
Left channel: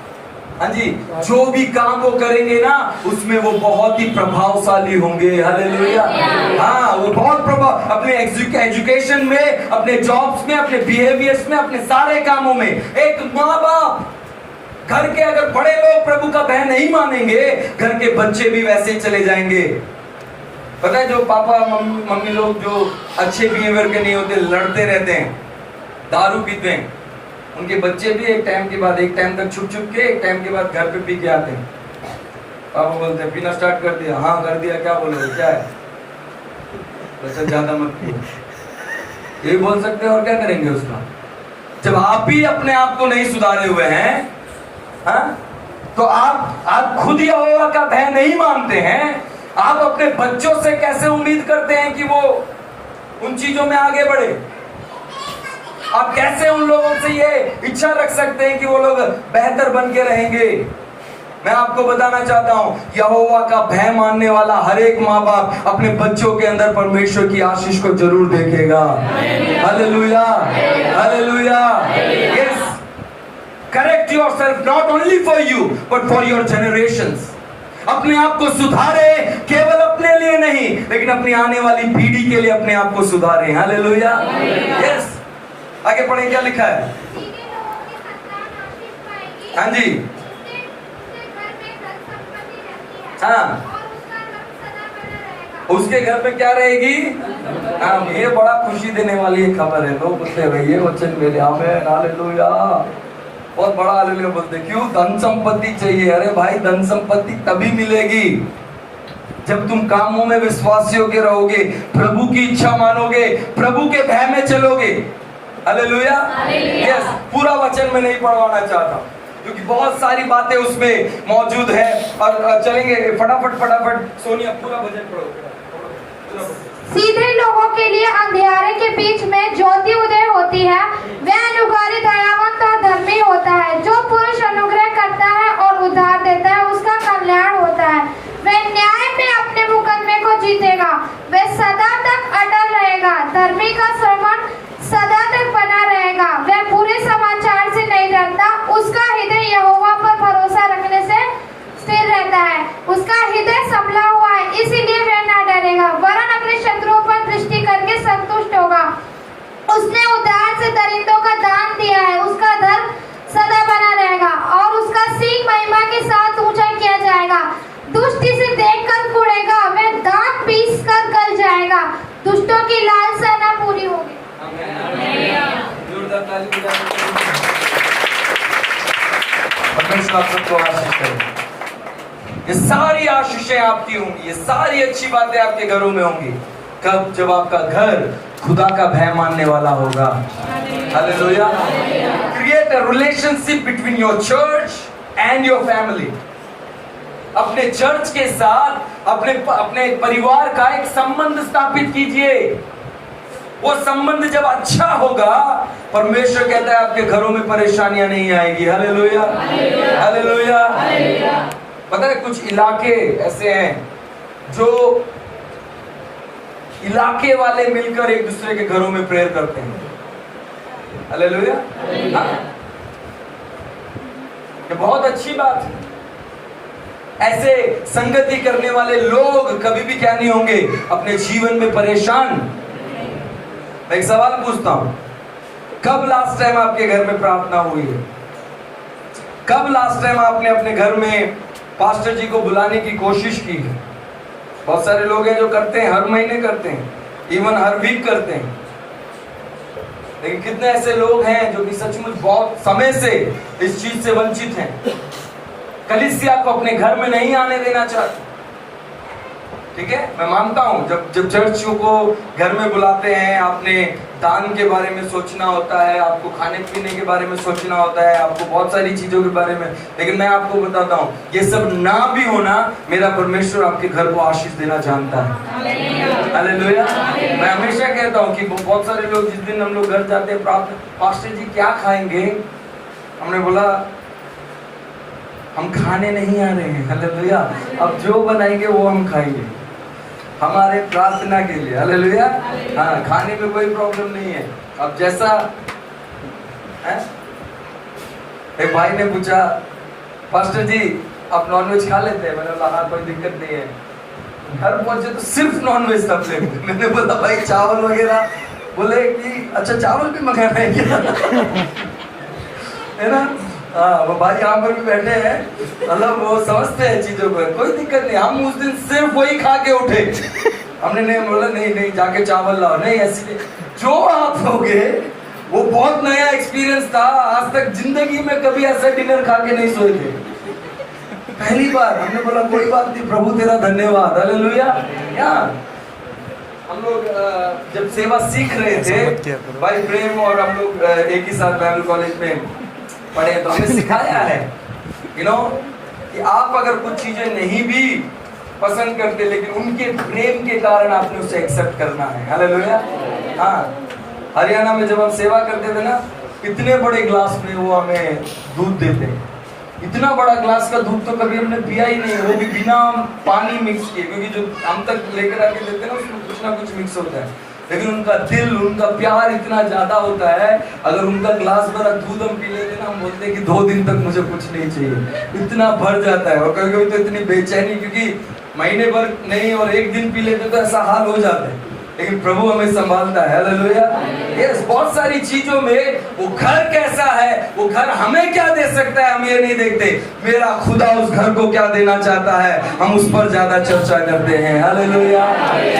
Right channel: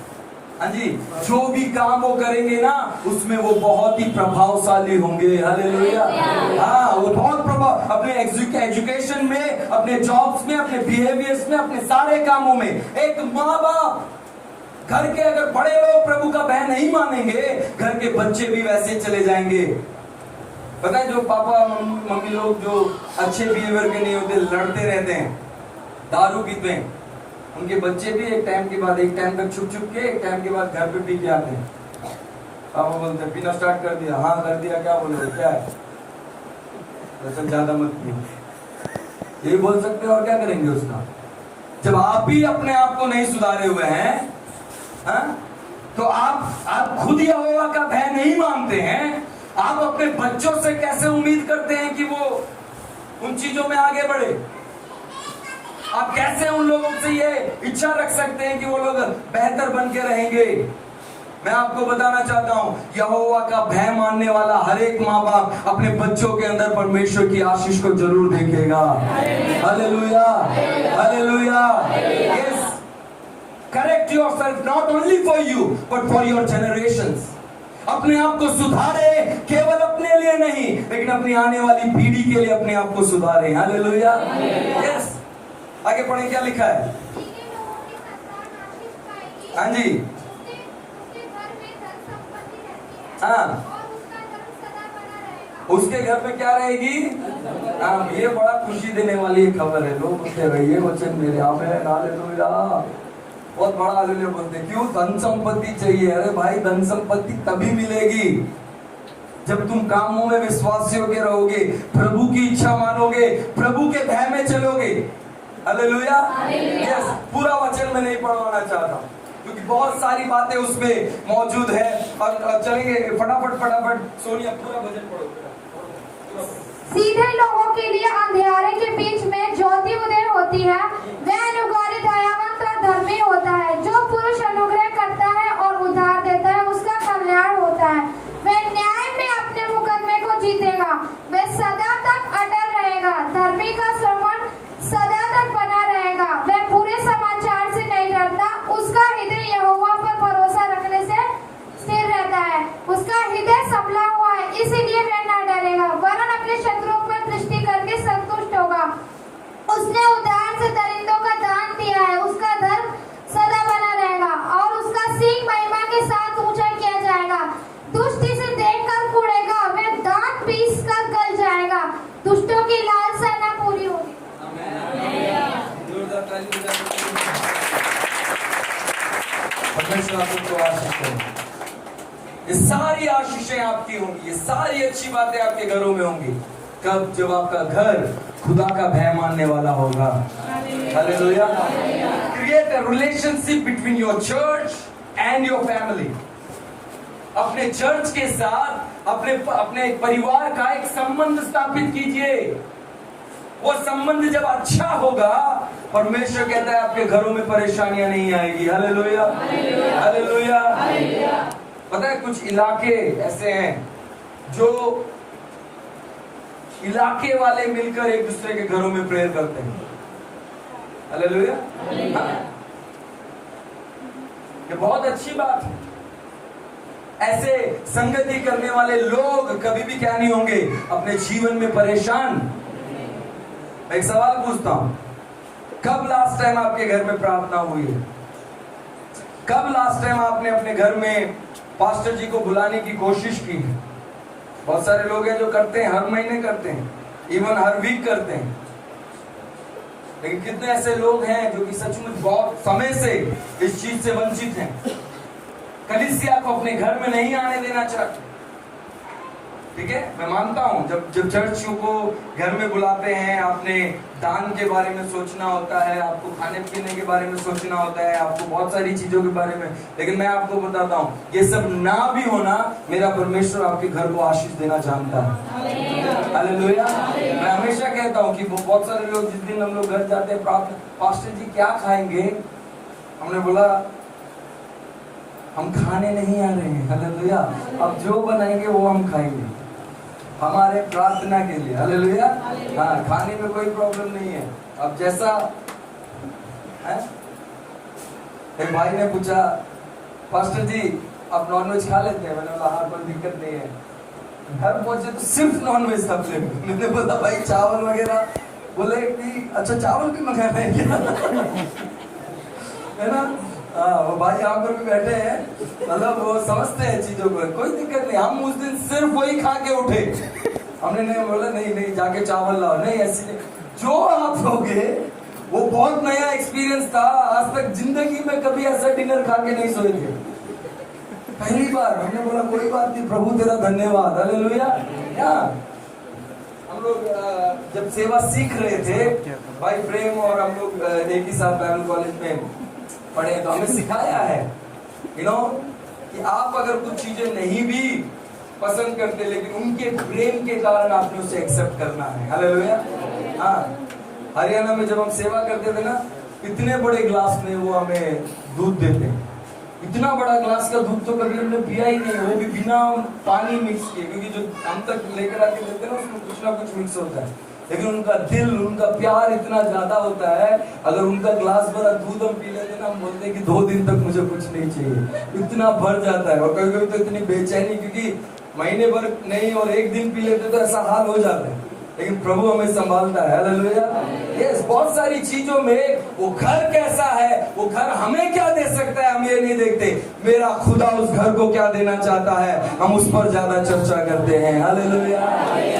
हाँ जी, जो भी काम वो करेंगे ना उसमें वो बहुत ही प्रभावशाली होंगे। हालेलुया। हाँ, वो बहुत प्रभाव, अपने एजुकेशन में, अपने जॉब्स में, अपने बिहेवियर्स में, अपने सारे कामों में। एक माँ बाप, घर के अगर बड़े लोग प्रभु का भय नहीं मानेंगे, घर के बच्चे भी वैसे ही चले जाएंगे। पता है, जो पापा मम्मी लोग जो अच्छे बिहेवियर के नहीं होते, लड़ते रहते हैं, दारू पीते हैं, उनके बच्चे भी एक टाइम के बाद, एक टाइम तक छुप छुप के, एक टाइम के बाद घर पे पी के आते हैं। पापा बोलते हैं पीना स्टार्ट कर दिया? हाँ कर दिया। क्या बोलो, क्या है? बच्चा ज्यादा मत पियो, ये बोल सकते हैं। और क्या करेंगे उसका? जब आप ही अपने आप को नहीं सुधारे हुए हैं, हाँ, तो आप खुद यहोवा का भय नहीं मानते हैं, आप अपने बच्चों से कैसे उम्मीद करते हैं कि वो उन चीजों में आगे बढ़े? आप कैसे उन लोगों से ये इच्छा रख सकते हैं कि वो लोग बेहतर बन के रहेंगे? मैं आपको बताना चाहता हूं, यहोवा का भय मानने वाला हर एक माँ बाप अपने बच्चों के अंदर परमेश्वर की आशीष को जरूर देखेगा। Hallelujah, hallelujah. Yes, correct yourself not only for you but for your generations. अपने आप को सुधारे केवल अपने अपने लिए नहीं लेकिन अपनी आने वाली पीढ़ी के लिए अपने आप को सुधारें। हालेलुया। यस, आगे पढ़े, क्या लिखा है? हाँ जी, हाँ, उसके घर में क्या रहेगी? हाँ, ये बड़ा खुशी देने वाली एक खबर है। लोग बोलते हैं ये वचन मेरे आमेन, हालेलुया, बहुत बड़ा हालेलुया बोलते। क्यों? धन संपत्ति चाहिए। अरे भाई, धन संपत्ति तभी मिलेगी जब तुम कामों में विश्वासी होके रहोगे, प्रभु की इच्छा मानोगे, प्रभु के भय में चलोगे। हालेलुया। यस, पूरा वचन में नहीं पढ़वाना चाहता क्योंकि बहुत सारी बातें उसमें मौजूद है और चलेंगे फटाफट। सोनिया पूरा वचन पढ़ो। सीधे लोगों के लिए अंधियारे के बीच में ज्योति उदय होती है। वह अनुग्रही, दयावंत और धर्मी होता है। जो पुरुष अनुग्रह करता है और उद्धार देता है उसका कल्याण होता है। वह न्याय में अपने मुकदमे को जीतेगा। वह सदा तक अटल रहेगा। धर्मी का श्रवण सदा तक बना रहेगा। वह बुरे समाचार से नहीं डरता। उसका हृदय यहोवा पर भरोसा रखने से स्थिर रहता है। उसका हृदय संभला हुआ है, इसीलिए वह ना डरेगा, वरन अपने शत्रुओं पर दृष्टि करके संतुष्ट होगा। उसने उधार से दरिद्रों का दान दिया है। उसका धर्म सदा बना रहेगा और उसका सींग महिमा के साथ ऊंचा किया जाएगा। दुष्ट इसे देखकर कुढ़ेगा, वह दांत पीस कर गल जाएगा। दुष्टों की लालसा न पूरी होगी। जोरदार ताली बजाओ। परमेश्वर आपको आशीष करे। ये सारी आशीषें आपकी होंगी, ये सारी अच्छी बातें आपके घरों में होंगी। कब? जब आपका घर खुदा का भय मानने वाला होगा। Hallelujah. Create a relationship between your church and your family. अपने चर्च के साथ अपने परिवार का एक संबंध स्थापित कीजिए। वो संबंध जब अच्छा होगा, परमेश्वर कहता है आपके घरों में परेशानियां नहीं आएगी। Hallelujah, hallelujah. पता है, कुछ इलाके ऐसे हैं जो इलाके वाले मिलकर एक दूसरे के घरों में प्रेयर करते हैं। हालेलुया। ये बहुत अच्छी बात है। ऐसे संगति करने वाले लोग कभी भी क्या नहीं होंगे? अपने जीवन में परेशान। मैं एक सवाल पूछता हूं, कब लास्ट टाइम आपके घर में प्रार्थना हुई है? कब लास्ट टाइम आपने अपने घर में पास्टर जी को बुलाने की कोशिश की है? बहुत सारे लोग हैं जो करते हैं, हर महीने करते हैं, इवन हर वीक करते हैं। लेकिन कितने ऐसे लोग हैं जो कि सचमुच बहुत समय से इस चीज से वंचित हैं, कलीसिया को अपने घर में नहीं आने देना चाहते। ठीक है, मैं मानता हूं जब चर्चियों को घर में बुलाते हैं, आपने दान के बारे में सोचना होता है, आपको खाने पीने के बारे में सोचना होता है, आपको बहुत सारी चीजों के बारे में। लेकिन मैं आपको बताता हूं, ये सब ना भी होना, मेरा परमेश्वर आपके घर को आशीष देना जानता है। हालेलुया। मैं हमेशा कहता हूं कि बहुत सारे लोग, जिस दिन हम लोग घर जाते हैं, पास्टर जी क्या खाएंगे? हमने बोला हम खाने नहीं आ रहे हैं। हालेलुया। अब जो बनाएंगे वो हम खाएंगे, हमारे प्रार्थना के लिए। हालेलुया। हाँ, खाने में कोई प्रॉब्लम नहीं है। अब जैसा है, एक भाई ने पूछा, पास्टर जी आप नॉनवेज खा लेते हैं? मैंने बोला हाँ, कोई दिक्कत नहीं है। घर पहुंचे तो सिर्फ नॉनवेज था प्लेट। मैंने बोला भाई चावल वगैरह? बोले कि अच्छा चावल भी मंगाना है क्या? है ना। हाँ, वो भाई यहाँ पर भी बैठे हैं, मतलब वो समझते हैं चीजों को, कोई दिक्कत नहीं। हम उस दिन सिर्फ वही खा के उठे। हमने नहीं बोला नहीं जाके चावल लाओ, नहीं ऐसी। जो आप होगे वो बहुत नया एक्सपीरियंस था। आज तक जिंदगी में कभी ऐसा डिनर खा के नहीं सोए थे, पहली बार। हमने बोला कोई बात नहीं, प्रभु तेरा धन्यवाद। हालेलुया। हम लोग जब सेवा सीख रहे थे, भाई प्रेम और हम लोग एक ही साथ बाइबल कॉलेज में पढ़े, तो हमें सिखाया है कि आप अगर कुछ चीजें नहीं भी पसंद करते, लेकिन उनके प्रेम के कारण आपने उसे एक्सेप्ट करना है। हालेलुया। हाँ, हरियाणा में जब हम सेवा करते थे ना, इतने बड़े ग्लास में वो हमें दूध देते हैं। इतना बड़ा ग्लास का दूध तो कभी हमने पिया ही नहीं, वो भी बिना पानी मिक्स किए, क्योंकि जो हम तक लेकर आके देते हैं ना, उसमें कुछ ना कुछ मिक्स होता है। लेकिन उनका दिल, उनका प्यार इतना ज्यादा होता है, अगर उनका ग्लास भरा दूध हम पी लेते ना, हम बोलते हैं कि 2 दिन तक मुझे कुछ नहीं चाहिए, इतना भर जाता है। और कभी कभी तो इतनी बेचैनी, क्योंकि महीने भर नहीं और एक दिन पी लेते तो ऐसा हाल हो जाता है, लेकिन प्रभु हमें संभालता है। हालेलुया। यस, बहुत सारी चीजों में वो घर कैसा है, वो घर हमें क्या दे सकता है हम ये नहीं देखते, मेरा खुदा उस घर को क्या देना चाहता है हम उस पर ज्यादा चर्चा करते हैं। Hallelujah,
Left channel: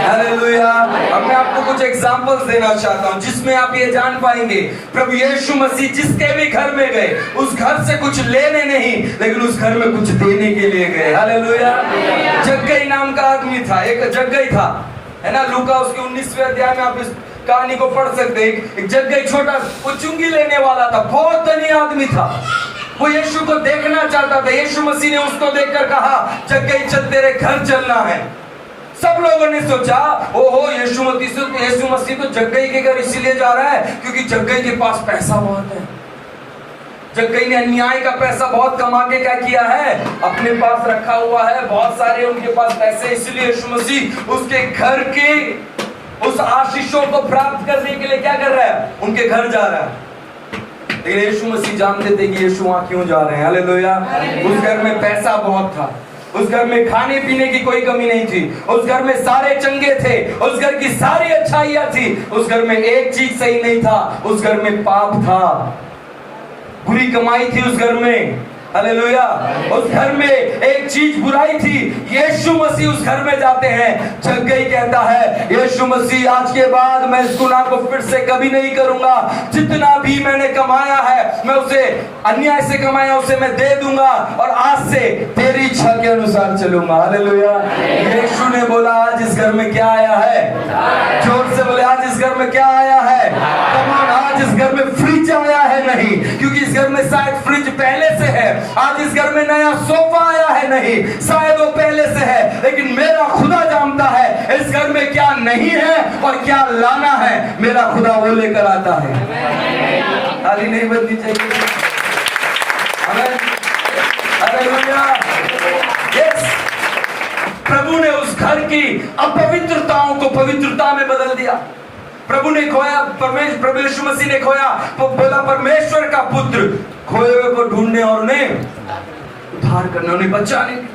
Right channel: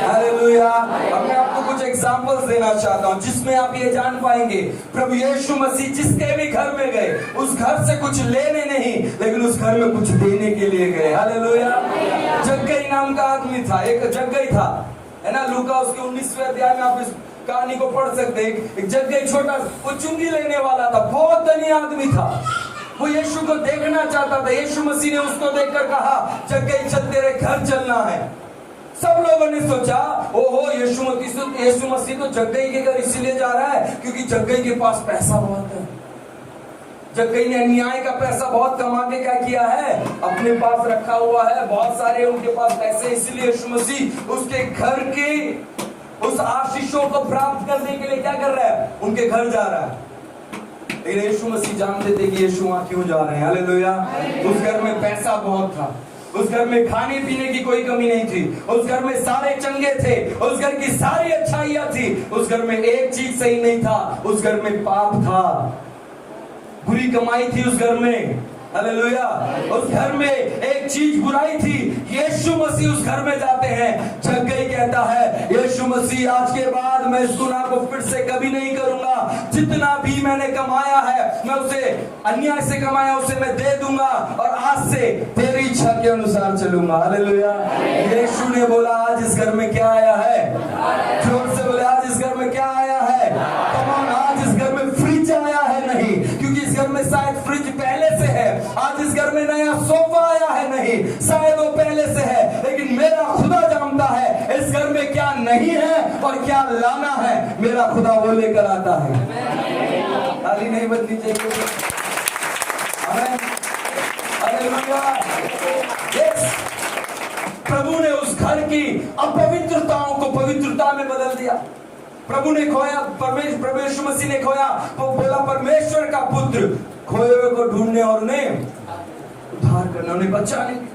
hallelujah. अब मैं आपको कुछ एग्जांपल्स देना चाहता हूँ जिसमें आप ये जान पाएंगे प्रभु यीशु मसीह जिसके भी घर में गए उस घर से कुछ लेने नहीं लेकिन उस घर में कुछ देने के लिए गए। हालेलुया। जग्गई नाम का आदमी था, एक जग्गई था, है ना। लूका उसके 19वें अध्याय में आप इस कहानी को पढ़ सकते हैं। एक जग्गई छोटा वो चुंगी लेने वाला था, बहुत धनी आदमी था, वो यीशु को देखना चाहता था। यीशु मसीह ने उसको देखकर कहा जग्गई चल तेरे घर चलना है। सब लोगों ने सोचा ओहो यीशु मसीह तो जग्गई के घर इसीलिए जा रहा है क्योंकि जग्गई के पास पैसा बहुत है। जग्गई ने अन्याय का पैसा बहुत कमा के क्या किया है, अपने पास रखा हुआ है, बहुत सारे उनके पास पैसे, इसलिए यीशु मसीह उसके घर के उस आशीषों को प्राप्त करने के लिए क्या कर रहा है, उनके घर जा रहा है। लेकिन यीशु मसीह जानते थे कि यीशु वहां क्यों जा रहे हैं। हालेलुया। उस घर में पैसा बहुत था, उस घर में खाने पीने की कोई कमी नहीं थी, उस घर में सारे चंगे थे, उस घर की सारी अच्छाइयां थी, उस घर में एक चीज सही नहीं था, उस घर में पाप था, बुरी कमाई थी उस घर में। हालेलुया। उस घर में एक चीज बुराई थी। यीशु मसीह उस घर में जाते हैं। जग्गई कहता है यीशु मसीह आज के बाद मैं इस गुनाह को फिर से कभी नहीं करूंगा, जितना भी मैंने कमाया है मैं उसे अन्याय से कमाया उसे मैं दे दूंगा और आज से तेरी इच्छा के अनुसार चलूंगा। हालेलुया। यीशु ने बोला आज इस घर में क्या आया है, जोर से बोले आज इस घर में क्या आया है। कमान, आज इस घर में फ्रिज आया है नहीं, क्योंकि इस घर में शायद फ्रिज पहले से है। आज इस घर में नया सोफा आया है नहीं, शायद वो पहले से है, लेकिन मेरा खुदा जानता है इस घर में क्या नहीं है और क्या लाना है, मेरा खुदा वो लेकर आता है। खाली नहीं बननी चाहिए। हालेलुया। यस, प्रभु ने उस घर की अपवित्रताओं को पवित्रता में बदल दिया। प्रभु ने खोया, प्रभु यीशु मसीह ने खोया, बोला परमेश्वर का पुत्र खोए हुए को ढूंढने और उन्हें उद्धार करने, उन्हें बचाने के लिए।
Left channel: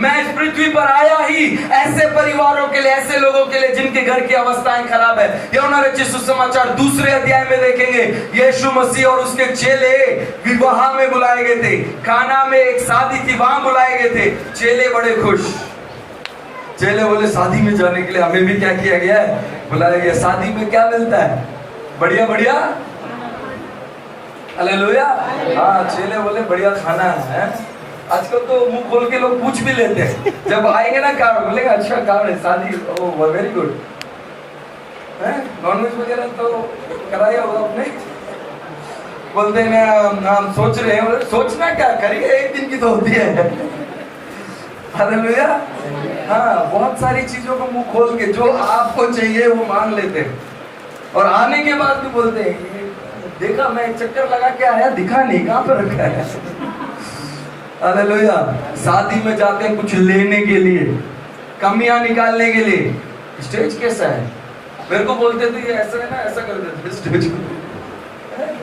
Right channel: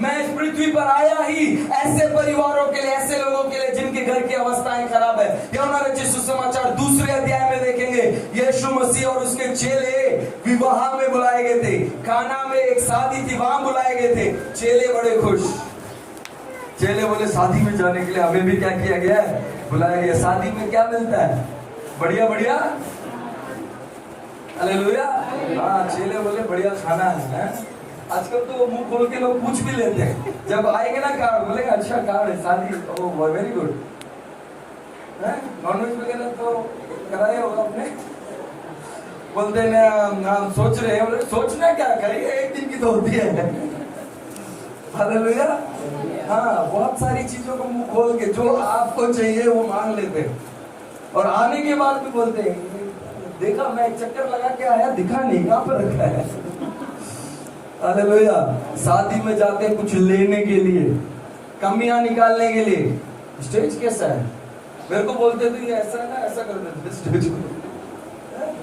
मैं इस पृथ्वी पर आया ही ऐसे परिवारों के लिए, ऐसे लोगों के लिए जिनके घर की अवस्थाएं खराब है। यूहन्ना रचित सुसमाचार 2 अध्याय में देखेंगे यीशु मसीह और उसके चेले विवाह में बुलाए गए थे। काना में एक शादी थी, वहां बुलाए गए थे। चेले बड़े खुश, चेले बोले शादी में जाने के लिए हमें भी क्या किया गया है, बुलाया गया। शादी में क्या मिलता है, बढ़िया बढ़िया। हालेलुया। हाँ, चेले बोले बढ़िया खाना है। आजकल तो मुंह खोल के लोग पूछ भी लेते हैं, जब आएंगे ना कार्ड बोलेगा अच्छा कार्ड है शादी, ओह वेरी गुड है। नॉनवेज वगैरह तो कराया होगा आपने, बोलते हैं हम सोच रहे हैं। सोचना क्या, करिए, एक दिन की तो होती है। हालेलुया। हाँ, बहुत सारी चीजों को मुंह खोल के जो आपको चाहिए वो मांग लेते हैं और आने के बाद भी बोलते हैं देखा मैं एक चक्कर लगा के आया, दिखा नहीं, कहाँ पर रखा है। हालेलुया। शादी में जाते हैं कुछ लेने के लिए, कमियां निकालने के लिए। स्टेज कैसा है, मेरे को बोलते थे ये ऐसा है ना, ऐसा कर देते स्टेज को।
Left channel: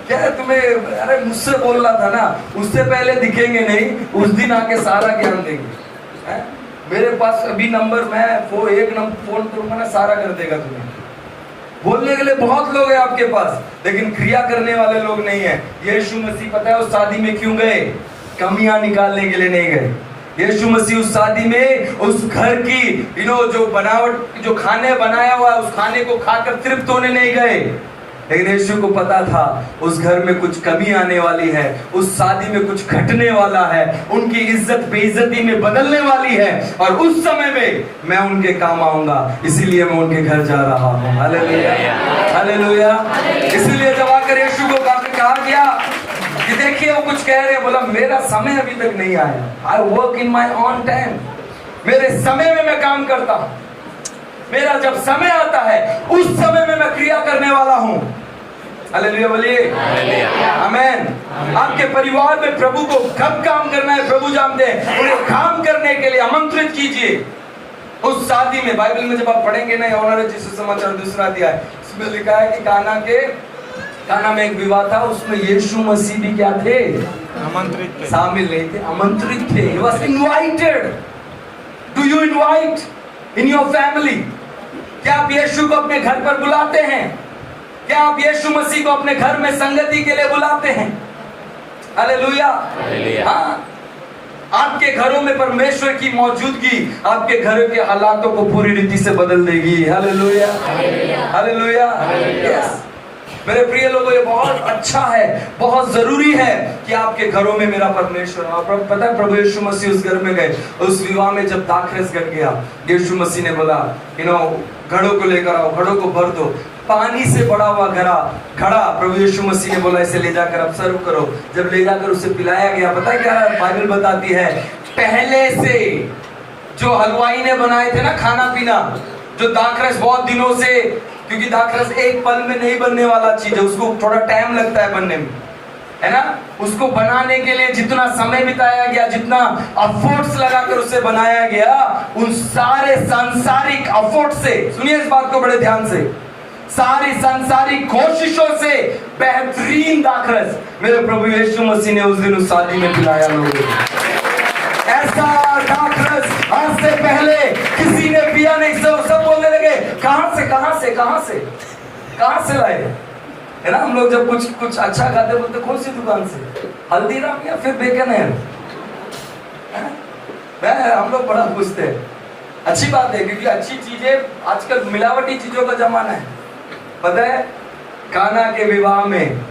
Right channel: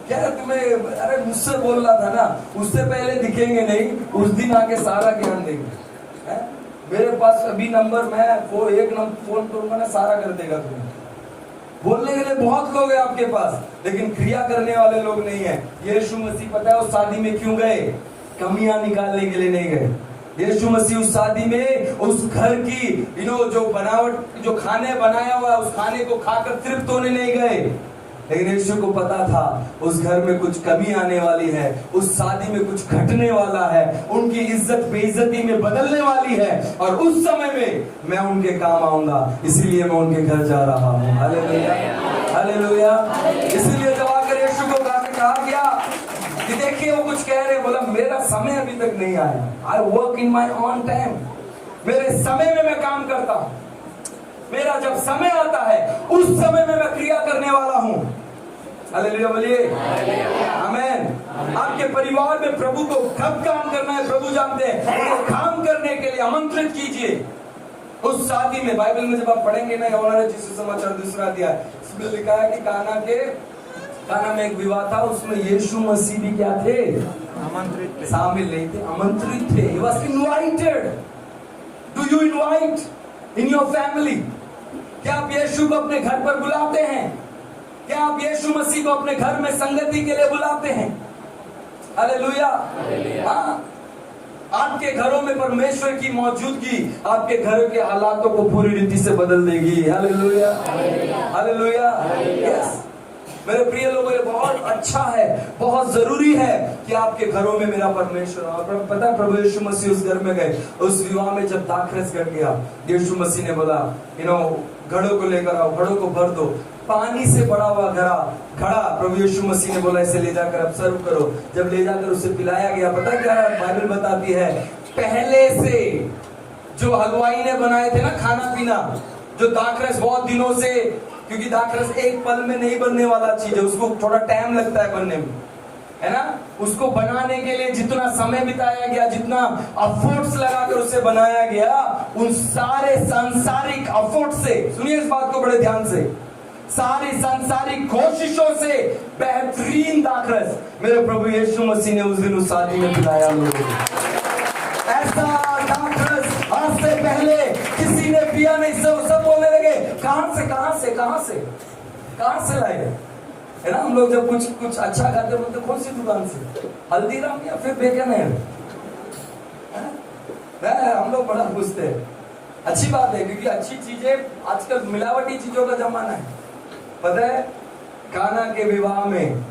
क्या है तुम्हें, अरे मुझसे बोल रहा था ना, उससे पहले दिखेंगे नहीं, उस दिन आके सारा ज्ञान देंगे। मेरे पास अभी नंबर, मैं वो एक नंबर फोन करूंगा ना, सारा कर देगा तुम्हें। बोलने के लिए बहुत लोग हैं आपके पास, लेकिन क्रिया करने वाले लोग नहीं है। यीशु मसीह पता है उस शादी में क्यों गए, कमियां निकालने के लिए नहीं गए। यीशु मसीह उस शादी में उस घर की जो बनावट, जो खाने बनाया हुआ उस खाने को खाकर तृप्त होने नहीं गए, लेकिन यीशु को पता था उस घर में कुछ कमी आने वाली है, उस शादी में कुछ घटने वाला है, उनकी इज्जत बेइज्जती में बदलने वाली है और उस समय में मैं उनके काम आऊंगा, इसीलिए मैं उनके घर जा रहा हूँ। Hallelujah, hallelujah. इसीलिए जब आकर यीशु को कहा गया कि देखिए वो कुछ कह रहे हैं, बोला मेरा समय अभी तक नहीं आया। I work in my on time, मेरे समय में मैं काम करता हूँ, मेरा जब समय आता है उस समय में मैं क्रिया करने वाला हूँ। हालेलुया बोलिए, आमीन। आपके परिवार में प्रभु को कब काम करना है प्रभु जानते हैं, उन्हें काम करने के लिए आमंत्रित कीजिए। उस शादी में बाइबल में जब आप पढ़ेंगे ना, यूहन्ना रचित सुसमाचार 2 अध्याय, इसमें लिखा है कि काना में एक विवाह था, उसमें यीशु मसीह भी क्या थे, आमंत्रित थे, शामिल नहीं थे, आमंत्रित थे। He was invited। you invite in your family? क्या आप यीशु को अपने घर पर बुलाते हैं? क्या आप यीशु मसीह को अपने घर में संगति के लिए बुलाते हैं? हालेलुया। हाँ, आपके घरों में परमेश्वर की मौजूदगी आपके घरों के हालातों को पूरी रीति से बदल देगी। Hallelujah, hallelujah. यस मेरे प्रिय लोगों, ये बहुत अच्छा है, बहुत जरूरी है कि आपके घरों में मेरा परमेश्वर हो। पता है प्रभु यीशु मसीह उस घर में गए, उस विवाह में जब दाखरस घट गया, यीशु मसीह ने बोला घड़ों को लेकर आओ, घड़ों को भर दो। पानी से भरा हुआ घड़ा प्रभु यीशु मसीह ने बोला इसे ले जाकर अब सर्व करो। जब ले जाकर उसे पिलाया गया, पता है क्या बाइबल बताती है, पहले से जो हलवाई ने बनाए थे ना खाना पीना, जो दाखरस बहुत दिनों से, क्योंकि दाखरस एक पल में नहीं बनने वाला चीज है, उसको थोड़ा टाइम लगता है बनने में, है ना। उसको बनाने के लिए जितना समय बिताया गया, जितना एफर्ट्स लगाकर उसे बनाया गया, उन सारे सांसारिक एफर्ट से, सुनिए इस बात को बड़े ध्यान से, सारी सांसारिक कोशिशों से बेहतरीन दाखरस मेरे प्रभु यीशु मसीह ने उस दिन उस शादी में पिलाया लोगों को। ऐसा दाखरस आज से पहले किसी ने पिया नहीं। सब बोलने लगे कहां से लाए, है ना। हम लोग जब कुछ अच्छा खाते बोलते कौन सी दुकान से, हल्दीराम या फिर बेकन है। हम लोग बड़ा पूछते हैं, अच्छी बात है, क्योंकि अच्छी चीजें, आजकल मिलावटी चीजों का जमाना है। पता है काना के विवाह में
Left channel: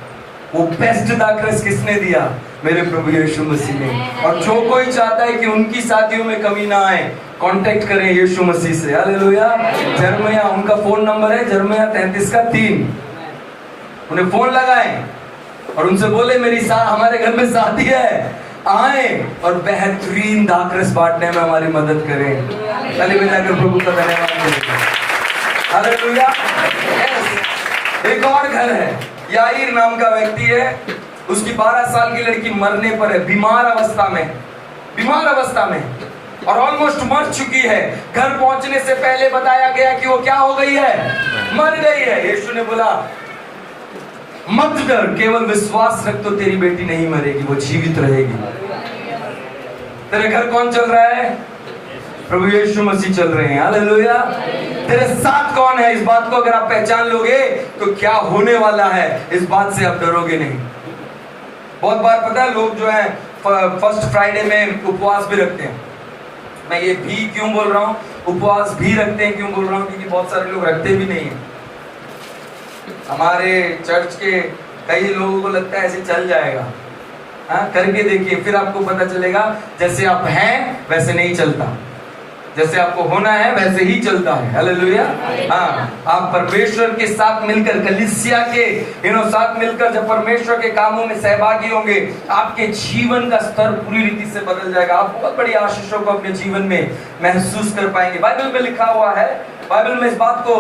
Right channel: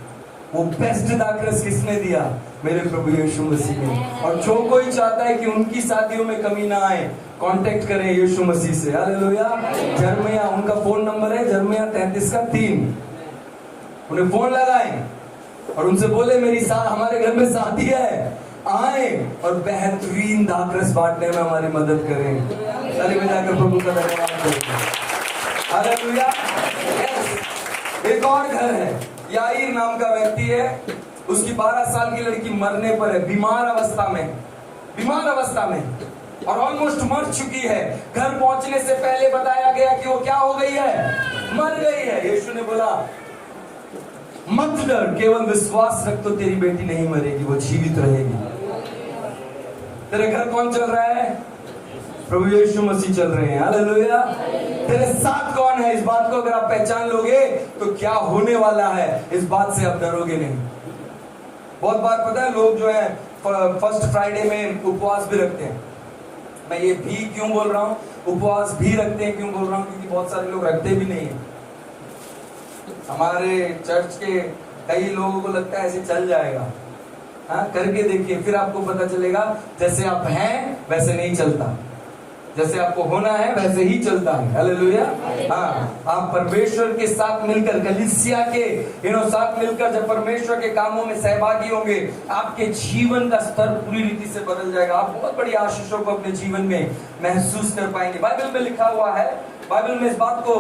वो बेस्ट दाखरस किसने दिया? मेरे प्रभु यीशु मसीह ने। और जो कोई चाहता है कि उनकी शादियों में कमी ना आए, कांटेक्ट करें यीशु मसीह से। हालेलुया। जर्मिया, उनका फोन नंबर है जर्मिया 33:3। उन्हें फोन लगाएं और उनसे बोले हमारे घर में शादी है, आए और बेहतरीन दाखरस बांटने में हमारी मदद करें। ताली बजाकर प्रभु का धन्यवाद करें। हालेलुया। एक और घर है, याईर नाम का व्यक्ति है, उसकी 12 साल की लड़की मरने पर है, बीमार अवस्था में और ऑलमोस्ट मर चुकी है। घर पहुंचने से पहले बताया गया कि वो क्या हो गई है, मर गई है। यीशु ने बोला मत डर, केवल विश्वास रख तो तेरी बेटी नहीं मरेगी, वो जीवित रहेगी। तेरे घर कौन चल रहा है? प्रभु यीशु मसीह चल रहे हैं। हालेलुया। तेरे साथ कौन है? इस बात को अगर आप पहचान लोगे तो क्या होने वाला है, इस बात से आप डरोगे नहीं। बहुत बार पता है लोग जो है फर्स्ट फ्राइडे में उपवास भी रखते हैं। मैं ये भी क्यों बोल रहा हूँ, उपवास भी रखते हैं क्यों बोल रहा हूँ, क्योंकि बहुत सारे लोग रखते भी नहीं है। हमारे चर्च के कई लोगों को लगता है ऐसे चल जाएगा। हाँ, करके देखिए, फिर आपको पता चलेगा जैसे आप हैं वैसे नहीं चलता, जैसे आपको होना है वैसे ही चलता है। हालेलुया। हाँ, आप परमेश्वर के साथ मिलकर, कलीसिया के साथ मिलकर जब परमेश्वर के कामों में सहभागी होंगे, आपके जीवन का स्तर पूरी रीति से बदल जाएगा। आप बहुत बड़ी आशीषों को अपने जीवन में महसूस कर पाएंगे। बाइबल में लिखा हुआ है, बाइबल में इस बात को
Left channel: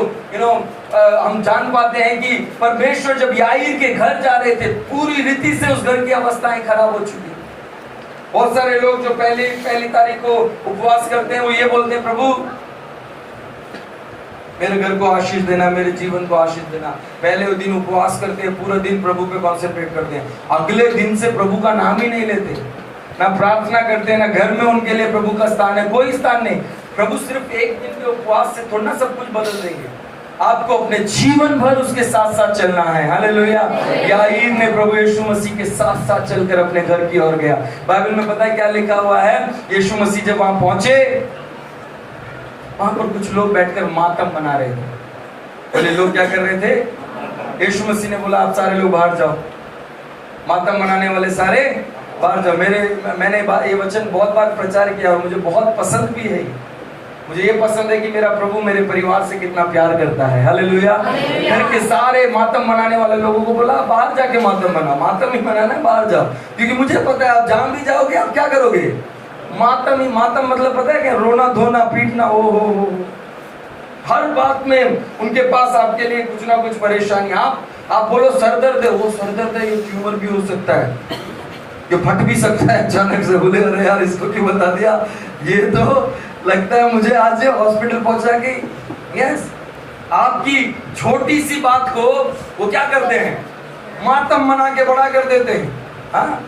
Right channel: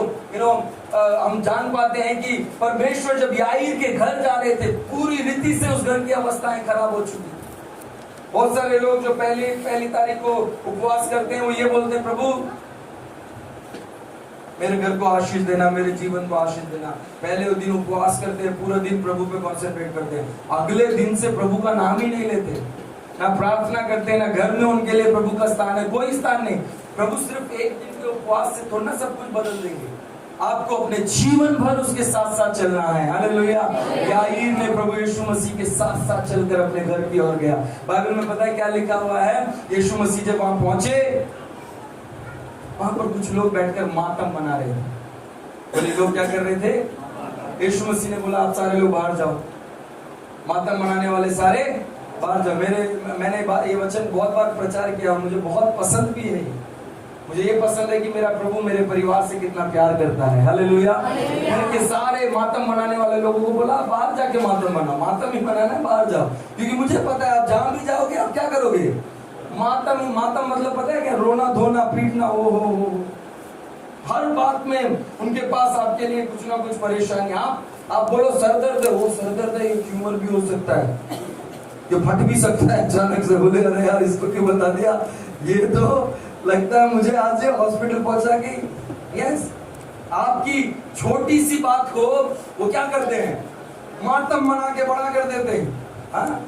हम जान पाते हैं कि परमेश्वर जब याईर के घर जा रहे थे, पूरी रीति से उस घर की अवस्थाएं खराब हो चुकी। बहुत सारे लोग जो पहली तारीख को उपवास करते हैं, वो ये बोलते हैं प्रभु मेरे घर को आशीष देना, मेरे जीवन को आशीष देना। पहले दिन उपवास करते हैं, पूरा दिन प्रभु पे कॉन्सेंट्रेट करते हैं, अगले दिन से प्रभु का नाम ही नहीं लेते, ना प्रार्थना करते, ना घर में उनके लिए प्रभु का स्थान है, कोई स्थान नहीं। प्रभु सिर्फ एक दिन के उपवास से थोड़ा सब कुछ बदल देंगे। आपको अपने जीवन भर उसके साथ साथ चलना है। हालेलुया। याईर ने प्रभु यीशु मसीह के साथ साथ चलकर अपने घर की ओर गया। बाइबल में पता है क्या लिखा हुआ है? यीशु मसीह जब वहां पहुंचे, वहां पर कुछ लोग बैठकर मातम बना रहे थे। बोले लोग क्या कर रहे थे? यीशु मसीह ने बोला आप सारे लोग बाहर जाओ, मातम मनाने वाले सारे बाहर जाओ। मैंने ये वचन बहुत बार प्रचार किया और मुझे बहुत पसंद भी है। मुझे ये पसंद है कि मेरा प्रभु मेरे परिवार से कितना प्यार करता है। हालेलुया। घर के सारे मातम मनाने वाले लोगों को बोला बाहर जाके मातम मनाओ, मातम ही मनाना है, बाहर जाओ, क्योंकि मुझे पता है आप जहां भी जाओगे आप क्या करोगे, मातम ही। मातम मतलब पता है क्या? रोना धोना पीटना। ओ हो हर बात में उनके पास आपके लिए कुछ ना कुछ परेशानी। आप बोलो सर दर्द है, वो सर दर्द है, ये ट्यूमर भी हो सकता है, ये फट भी सकता है अचानक से। बोले अरे यार इसको क्यों बता दिया, ये तो लगता है मुझे आज से हॉस्पिटल पहुंचा के। यस, आपकी छोटी सी बात को वो क्या करते हैं? मातम मना के बड़ा कर देते हैं। हाँ,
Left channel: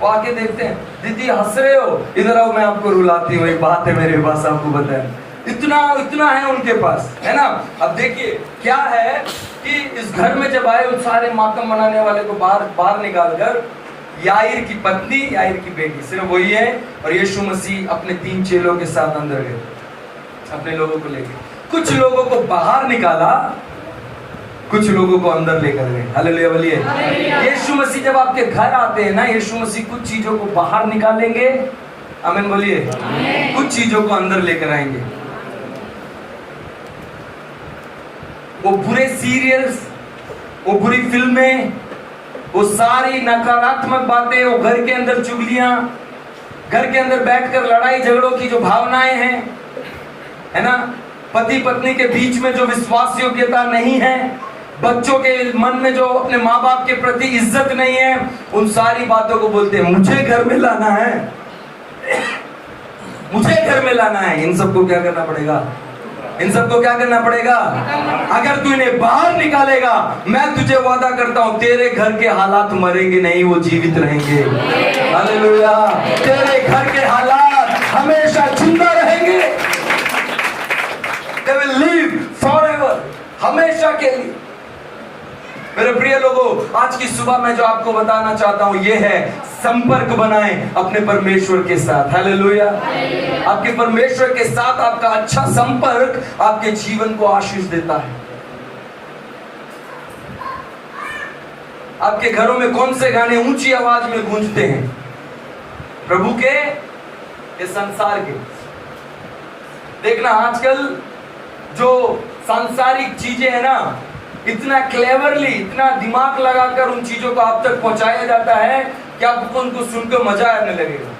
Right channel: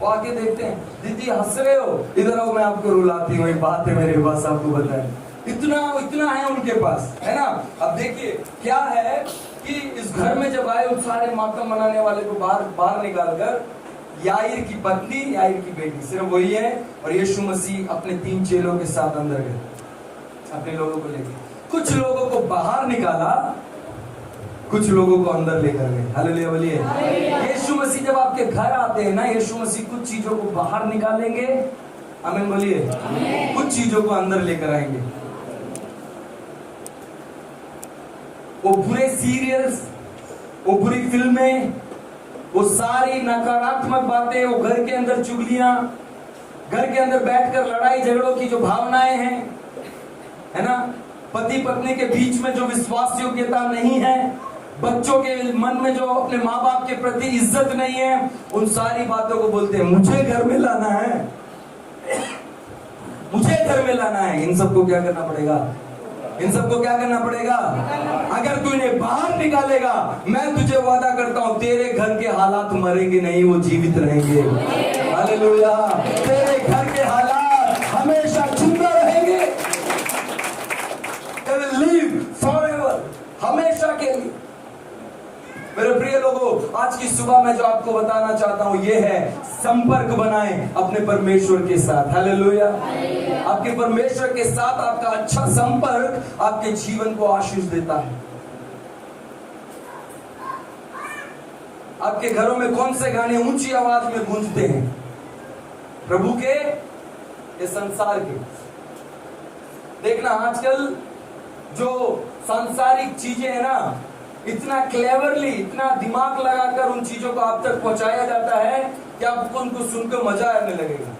वो आके देखते हैं, दीदी हंस रहे हो, इधर आओ मैं आपको रुलाती हूँ, एक बात है मेरे पास आपको बताएं। इतना है उनके पास, है ना। अब देखिए क्या है कि इस घर में जब आए उन सारे मातम मनाने वाले को बाहर निकालकर याईर की पत्नी, याईर की बेटी, सिर्फ वही है, और यीशु मसीह अपने 3 चेलों के साथ अंदर गए अपने लोगों को लेकर। कुछ लोगों को बाहर निकाला, कुछ लोगों को अंदर लेकर गए। हालेलुया बोलिए। यीशु मसीह जब आपके घर आते हैं ना, यीशु मसीह कुछ चीजों को बाहर निकालेंगे, आमीन बोलिए, कुछ चीजों को अंदर लेकर आएंगे। वो बुरे सीरियल्स, वो बुरी फिल्में, वो सारी नकारात्मक बातें, वो घर के अंदर चुगलियां, घर के अंदर बैठकर लड़ाई झगड़ों की जो भावनाएं हैं, है ना, पति पत्नी के बीच में जो विश्वास योग्यता नहीं है, बच्चों के मन में जो अपने माँ बाप के प्रति इज्जत नहीं है, उन सारी बातों को बोलते हैं मुझे घर में लाना है, मुझे घर में लाना है। इन सबको क्या करना पड़ेगा? इन सबको क्या करना पड़ेगा? अगर तू इन्हें बाहर निकालेगा, मैं तुझे वादा करता हूं तेरे घर के हालात मरेंगे नहीं, वो जीवित रहेंगे। हालेलुया। तेरे घर के हालात हमेशा जिंदा रहेंगे। They will live forever, हमेशा के लिए। मेरे प्रिय लोगों, आज की सुबह मैं जो आपको बताना चाहता हूं ये है, संपर्क बनाएं अपने परमेश्वर के साथ। हालेलुया। आपके परमेश्वर के साथ आपका अच्छा संपर्क आपके जीवन को आशीष देता है। आपके घरों में कौन से गाने ऊंची आवाज में गूंजते हैं? प्रभु के या संसार के? देखना आजकल जो सांसारिक चीजें है ना, इतना क्लेवरली, इतना दिमाग लगाकर उन चीजों को आप तक पहुंचाया जाता है कि आपको उनको सुनकर मजा आने लगेगा।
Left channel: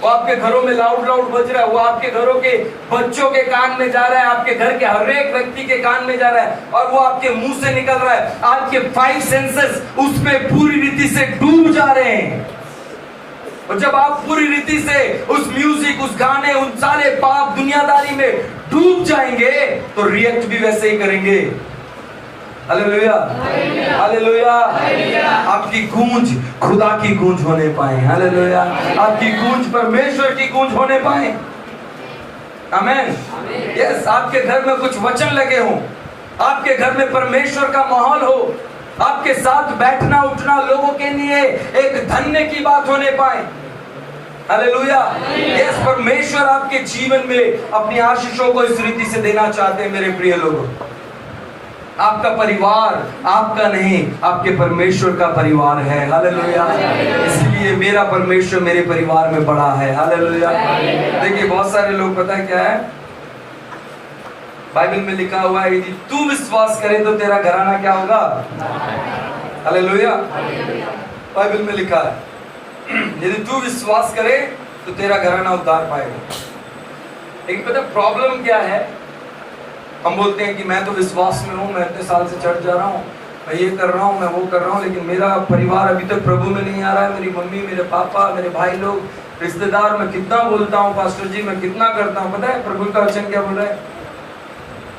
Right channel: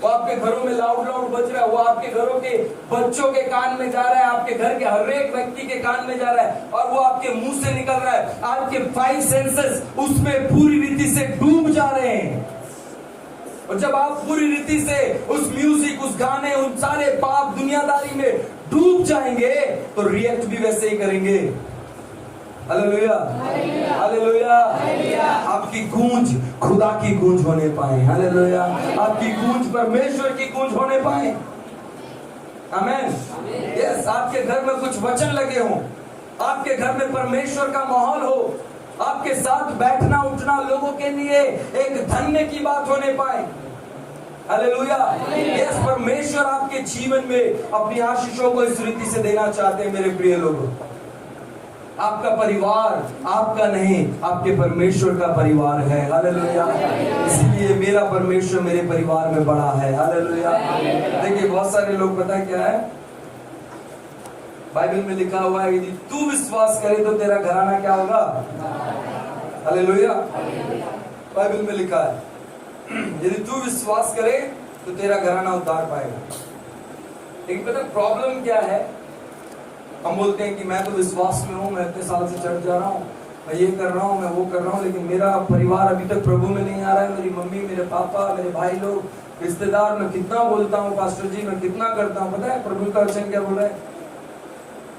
वो आपके घरों में लाउड बज रहा है, वो आपके घरों के बच्चों के कान में जा रहा है, आपके घर के हर एक व्यक्ति के कान में जा रहा है, और वो आपके मुंह से निकल रहा है। आपके 5 सेंसेस उस पे पूरी रीति से डूब जा रहे हैं। और जब आप पूरी रीति से उस म्यूजिक, उस गाने, उन सारे पाप दुनियादारी में डूब जाएंगे तो रिएक्ट भी वैसे ही करेंगे। Hallelujah, hallelujah. आपकी गूंज खुदा की गूंज होने पाए। हालेलुया। आपकी गूंज परमेश्वर की गूंज होने पाए। आमेन। यस, आपके घर में कुछ वचन लगे हों, आपके घर में परमेश्वर का माहौल हो, आपके साथ बैठना उठना लोगों के लिए एक धन्य की बात होने पाए। हालेलुया। यस, परमेश्वर आपके जीवन में अपनी आशीषों को इस रीति से देना चाहते हैं। मेरे प्रिय लोगों, आपका परिवार आपका नहीं, आपके परमेश्वर का परिवार है। हालेलुया। इसलिए मेरा परमेश्वर मेरे परिवार में बड़ा है। हालेलुया। देखिए बहुत सारे लोग, पता है क्या है, बाइबल में लिखा हुआ है यदि तू विश्वास करे तो तेरा घराना क्या होगा? हालेलुया। बाइबल में लिखा है यदि तू विश्वास करे तो तेरा घराना उद्धार पाएगा। लेकिन पता प्रॉब्लम क्या है? हम बोलते हैं कि मैं तो विश्वास में हूँ, मैं इतने साल से चढ़ जा रहा हूँ, मैं ये कर रहा हूँ, मैं वो कर रहा हूँ, लेकिन मेरा परिवार अभी तक प्रभु में नहीं आ रहा है। मेरी मम्मी, मेरे पापा, मेरे भाई लोग, रिश्तेदार, मैं कितना बोलता हूँ पास्टर जी, मैं कितना करता हूँ। पता है प्रभु का वचन क्या बोल रहा है?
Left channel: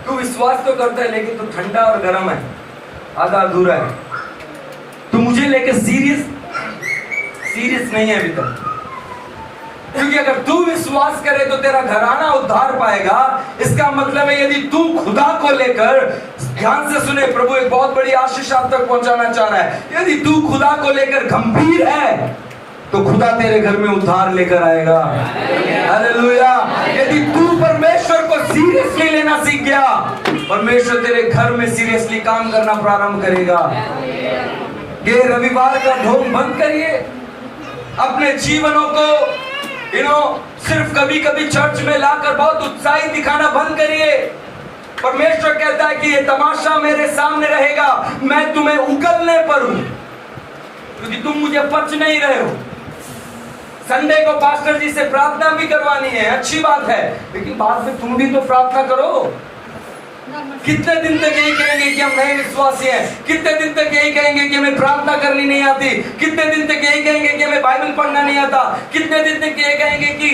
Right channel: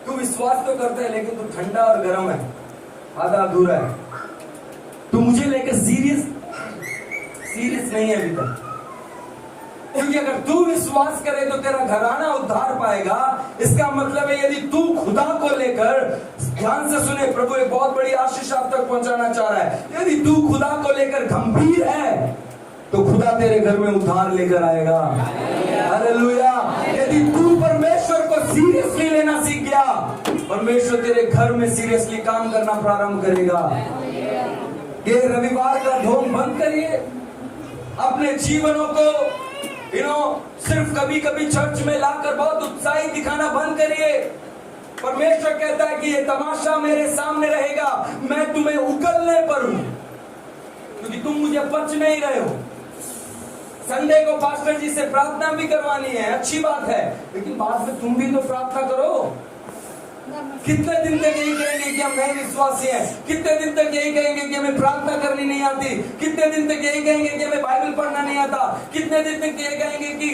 तू विश्वास तो करता है लेकिन तू ठंडा और गर्म है, आधा अधूरा है। तू मुझे लेकर सीरियस नहीं है अभी तक। क्योंकि अगर तू विश्वास करे तो तेरा घराना उद्धार पाएगा। इसका मतलब है यदि तू खुदा को लेकर, ध्यान से सुने, प्रभु एक बहुत बड़ी आशीष आप तक पहुंचाना चाह रहा है। यदि तू खुदा को लेकर गंभीर है तो खुदा तेरे घर में उद्धार लेकर आएगा। हालेलुया। यदि तू परमेश्वर को सीरियसली लेना सीख गया, परमेश्वर तेरे घर में सीरियसली काम करना प्रारंभ करेगा। ये रविवार का ढोंग बंद करिए। अपने जीवनों को सिर्फ कभी कभी चर्च में लाकर बहुत उत्साहित दिखाना बंद करिए। परमेश्वर कहता है कि ये तमाशा मेरे सामने रहेगा, मैं तुम्हें उगलने पर हूं, क्योंकि तुम मुझे पच नहीं रहे हो। संडे को पास्टर जी से प्रार्थना भी करवानी है, अच्छी बात है, लेकिन बाद में तुम भी तो प्रार्थना करो। कितने दिन तक यही कहेंगे कि हम नए विश्वासी हैं? कितने दिन तक यही कहेंगे कि हमें प्रार्थना करनी नहीं आती? कितने दिन तक यही कहेंगे कि हमें बाइबल पढ़ना नहीं आता? कितने दिन तक यही कहेंगे कि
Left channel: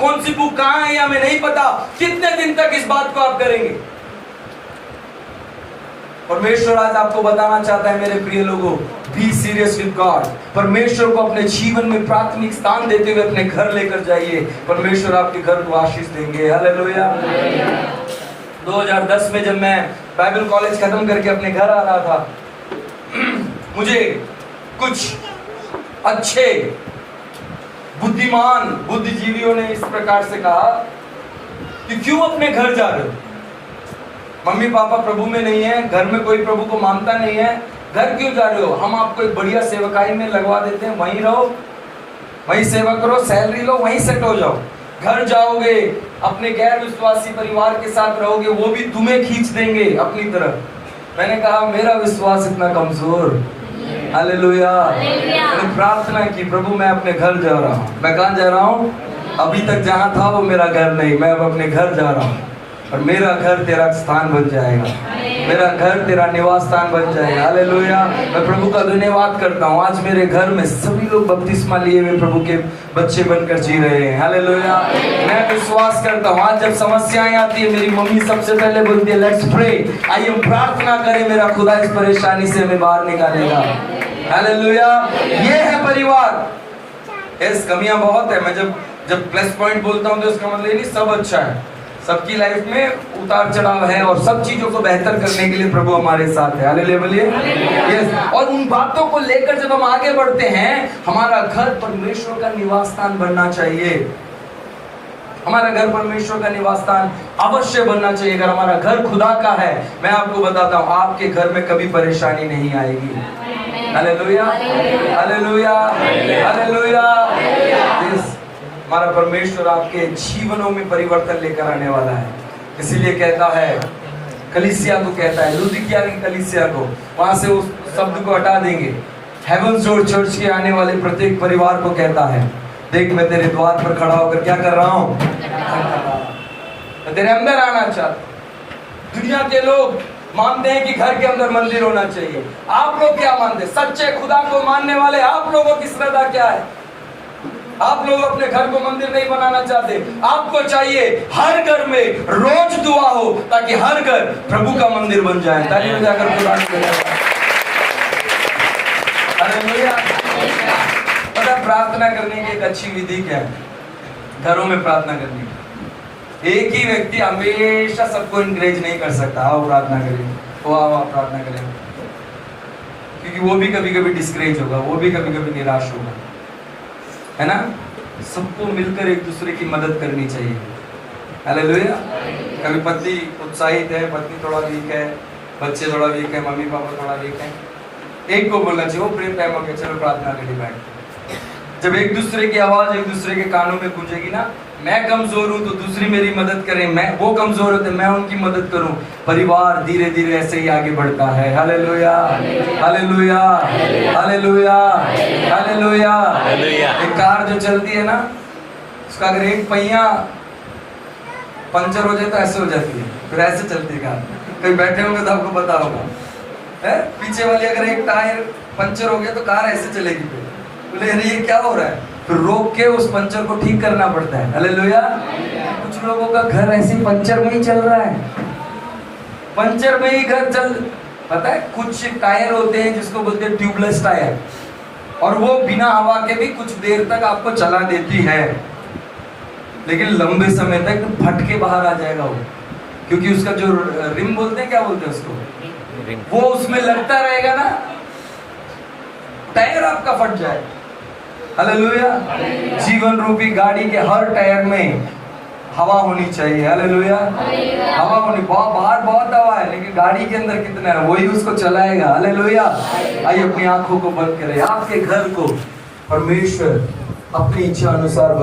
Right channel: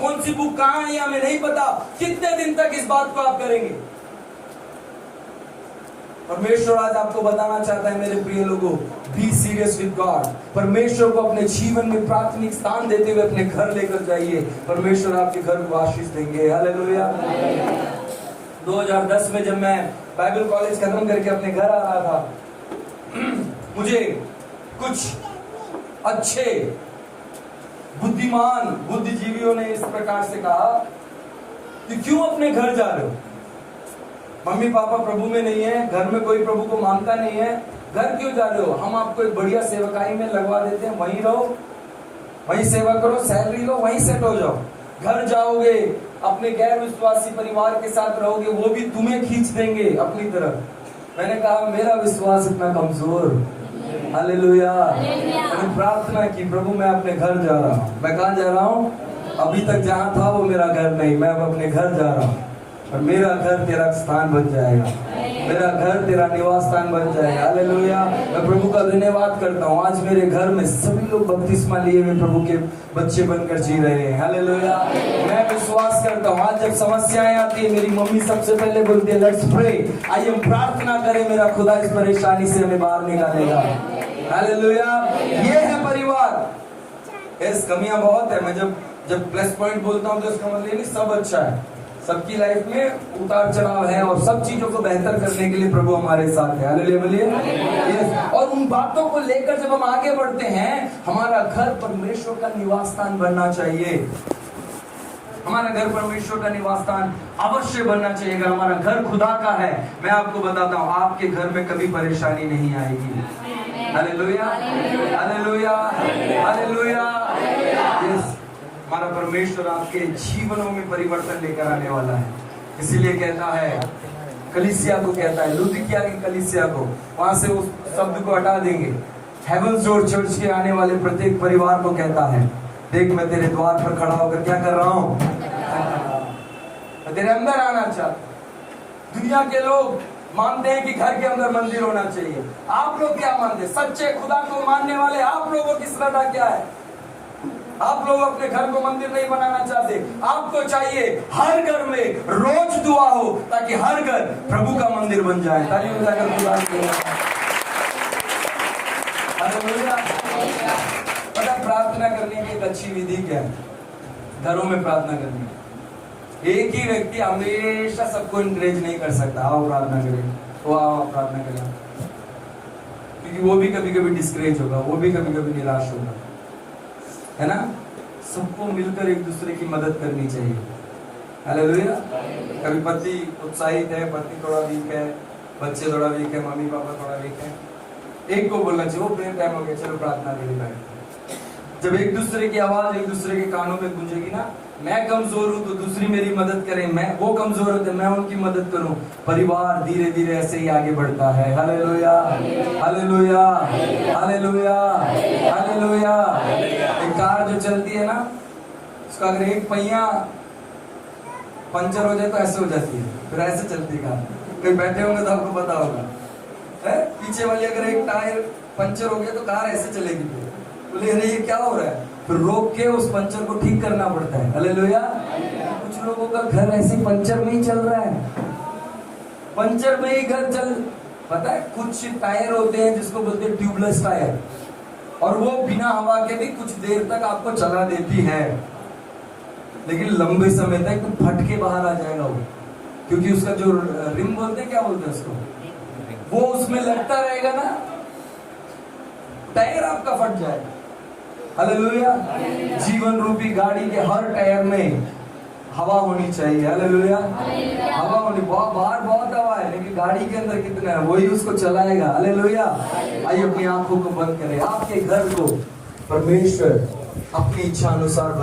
कौन सी बुक कहाँ है हमें नहीं पता? कितने दिन तक इस बात को आप करेंगे? परमेश्वर आज आपको बताना चाहता है मेरे प्रिय लोगों, बी सीरियस विद गॉड। परमेश्वर को अपने जीवन में प्राथमिक स्थान देते हुए अपने घर लेकर जाइए। परमेश्वर आपके घर को आशीष देंगे। हालेलुया। 2010 में जब मैं बाइबल कॉलेज खत्म करके अपने घर आ रहा था, मुझे कुछ अच्छे बुद्धिमान बुद्धिजीवियों ने इस प्रकार से कहा कि क्यों अपने घर जा रहे हो? मम्मी पापा प्रभु में नहीं है, घर में कोई प्रभु को मानता नहीं है, घर क्यों जा रहे हो? हम आपको एक बढ़िया सेवकाई में लगवा देते हैं, वहीं रहो, वहीं सेवा करो, सैलरी लो, वहीं सेट हो जाओ। घर जाओगे, अपने गैर विश्वासी परिवार के साथ रहोगे, वो भी तुम्हें खींच देंगे अपनी तरफ। मैंने कहा मेरा विश्वास इतना कमजोर। हालेलुया। मैंने प्रार्थना की, प्रभु मैं अपने घर जा रहा हूँ। मैं कहाँ जा रहा हूँ? अभी तक जहाँ था वो मेरा घर नहीं, मैं अब अपने घर जा रहा हूँ और मेरा घर तेरा स्थान बन जाएगा, मेरा घर तेरा निवास स्थान बन जाएगा। हालेलुया। मैं प्रभु का धन्यवाद करता हूँ, आज मेरे घर में सभी लोग बपतिस्मा लिए हुए प्रभु के बच्चे बनकर जी रहे हैं। हालेलुया। मैं विश्वास करता हूँ, आज जब समस्याएं आती है मेरी मम्मी सबसे पहले बोलती है लेट्स प्रे, आइए प्रार्थना करें, मेरा खुदा इस परेशानी से हमें बाहर निकालेगा। हालेलुया। ये है परिवार। इस कमियां बहुत है, मैं जब प्लस पॉइंट बोलता हूँ तो इसका मतलब ये नहीं सब अच्छा है, सबकी लाइफ में उतार चढ़ाव है और सब चीजों को बेहतर करने के लिए प्रभु हमारे साथ है। हालेलुया। यस। और उन बातों को लेकर जब हम आगे बढ़ते हैं, हमारा घर परमेश्वर का निवास स्थान बनना चाहिए। हमारा घर परमेश्वर का निवास स्थान अवश्य बनना चाहिए। अगर हमारा घर खुदा का है, मैं आपको बताता हूँ आपके घर में कभी परेशानी नहीं आएगी। हालेलुया। हालेलुया। हालेलुया। हमारा परमेश्वर आपके जीवनों में परिवर्तन लेकर आने वाला है। इसीलिए कहता है, कलीसिया को कहता है, लुदिकिया की कलीसिया को, वहां से उस शब्द को हटा देंगे, हेवंस डोर चर्च के आने वाले प्रत्येक परिवार को कहता है, देख मैं तेरे द्वार पर खड़ा होकर क्या कर रहा हूं? मैं तेरे अंदर आना चाहता। दुनिया के लोग मानते हैं कि घर के अंदर मंदिर होना चाहिए। आप लोग क्या मानते? सच्चे खुदा को मानने वाले आप लोगों की श्रद्धा क्या है? आप लोग अपने घर को मंदिर नहीं बनाना चाहते। आपको चाहिए हर घर में रोज दुआ हो ताकि हर घर प्रभु का मंदिर बन जाए। ताकि जाकर खुदा पता प्रार्थना करने की एक अच्छी विधि क्या है? घरों में प्रार्थना करने की एक ही व्यक्ति हमेशा सबको इंकरेज नहीं कर सकता। आओ प्रार्थना करें, तो आओ प्रार्थना करें, क्योंकि वो भी कभी कभी डिस्करेज होगा, वो भी कभी कभी निराश होगा, है ना? सबको मिलकर एक दूसरे की मदद करनी चाहिए। हालेलुया। कभी पति उत्साहित है, पत्नी थोड़ा वीक है, बच्चे थोड़ा वीक है, मम्मी पापा थोड़ा वीक है, एक को बोलना चाहिए, वो प्रेयर टाइम हो गया, चलो प्रार्थना के लिए बैठ। जब एक दूसरे की आवाज एक दूसरे के कानों में गूंजेगी ना, मैं कमजोर हूं तो दूसरी मेरी मदद करें, मैं वो कमजोर होते मैं उनकी मदद करूं, परिवार धीरे धीरे ऐसे ही आगे बढ़ता है। हालेलुया। हालेलुया। हालेलुया। हालेलुया। एक कार जो चलती है ना, उसका अगर एक पहिया पंचर हो जाए तो ऐसे हो जाती है, फिर ऐसे चलती है कार। कहीं बैठे होंगे तो आपको पता होगा, है पीछे वाली अगर एक टायर पंचर हो गया तो कार ऐसे चलेगी। बोले अरे ये क्या हो रहा है? फिर रोक के उस पंचर को ठीक करना पड़ता है। हालेलुया। कुछ लोगों का घर ऐसे पंचर में ही चल रहा है, पंचर में ही घर चल। पता है कुछ टायर होते हैं जिसको बोलते हैं ट्यूबलेस टायर, और वो बिना हवा के भी कुछ देर तक आपको चला देती है, लेकिन लंबे समय तक फट के बाहर आ जाएगा वो, क्योंकि उसका जो रिम बोलते हैं, क्या बोलते हैं उसको, वो उसमें लगता रहेगा ना, टायर आपका फट जाएगा। हालेलुया। जीवन रूपी गाड़ी के हर टायर में हवा होनी चाहिए। हालेलुया। हवा होनी, बाहर बहुत हवा है लेकिन गाड़ी के अंदर कितना है वही उसको चलाएगा। हालेलुया। आइए अपनी आंखों को बंद करें, आपके घर को परमेश्वर अपनी इच्छा अनुसार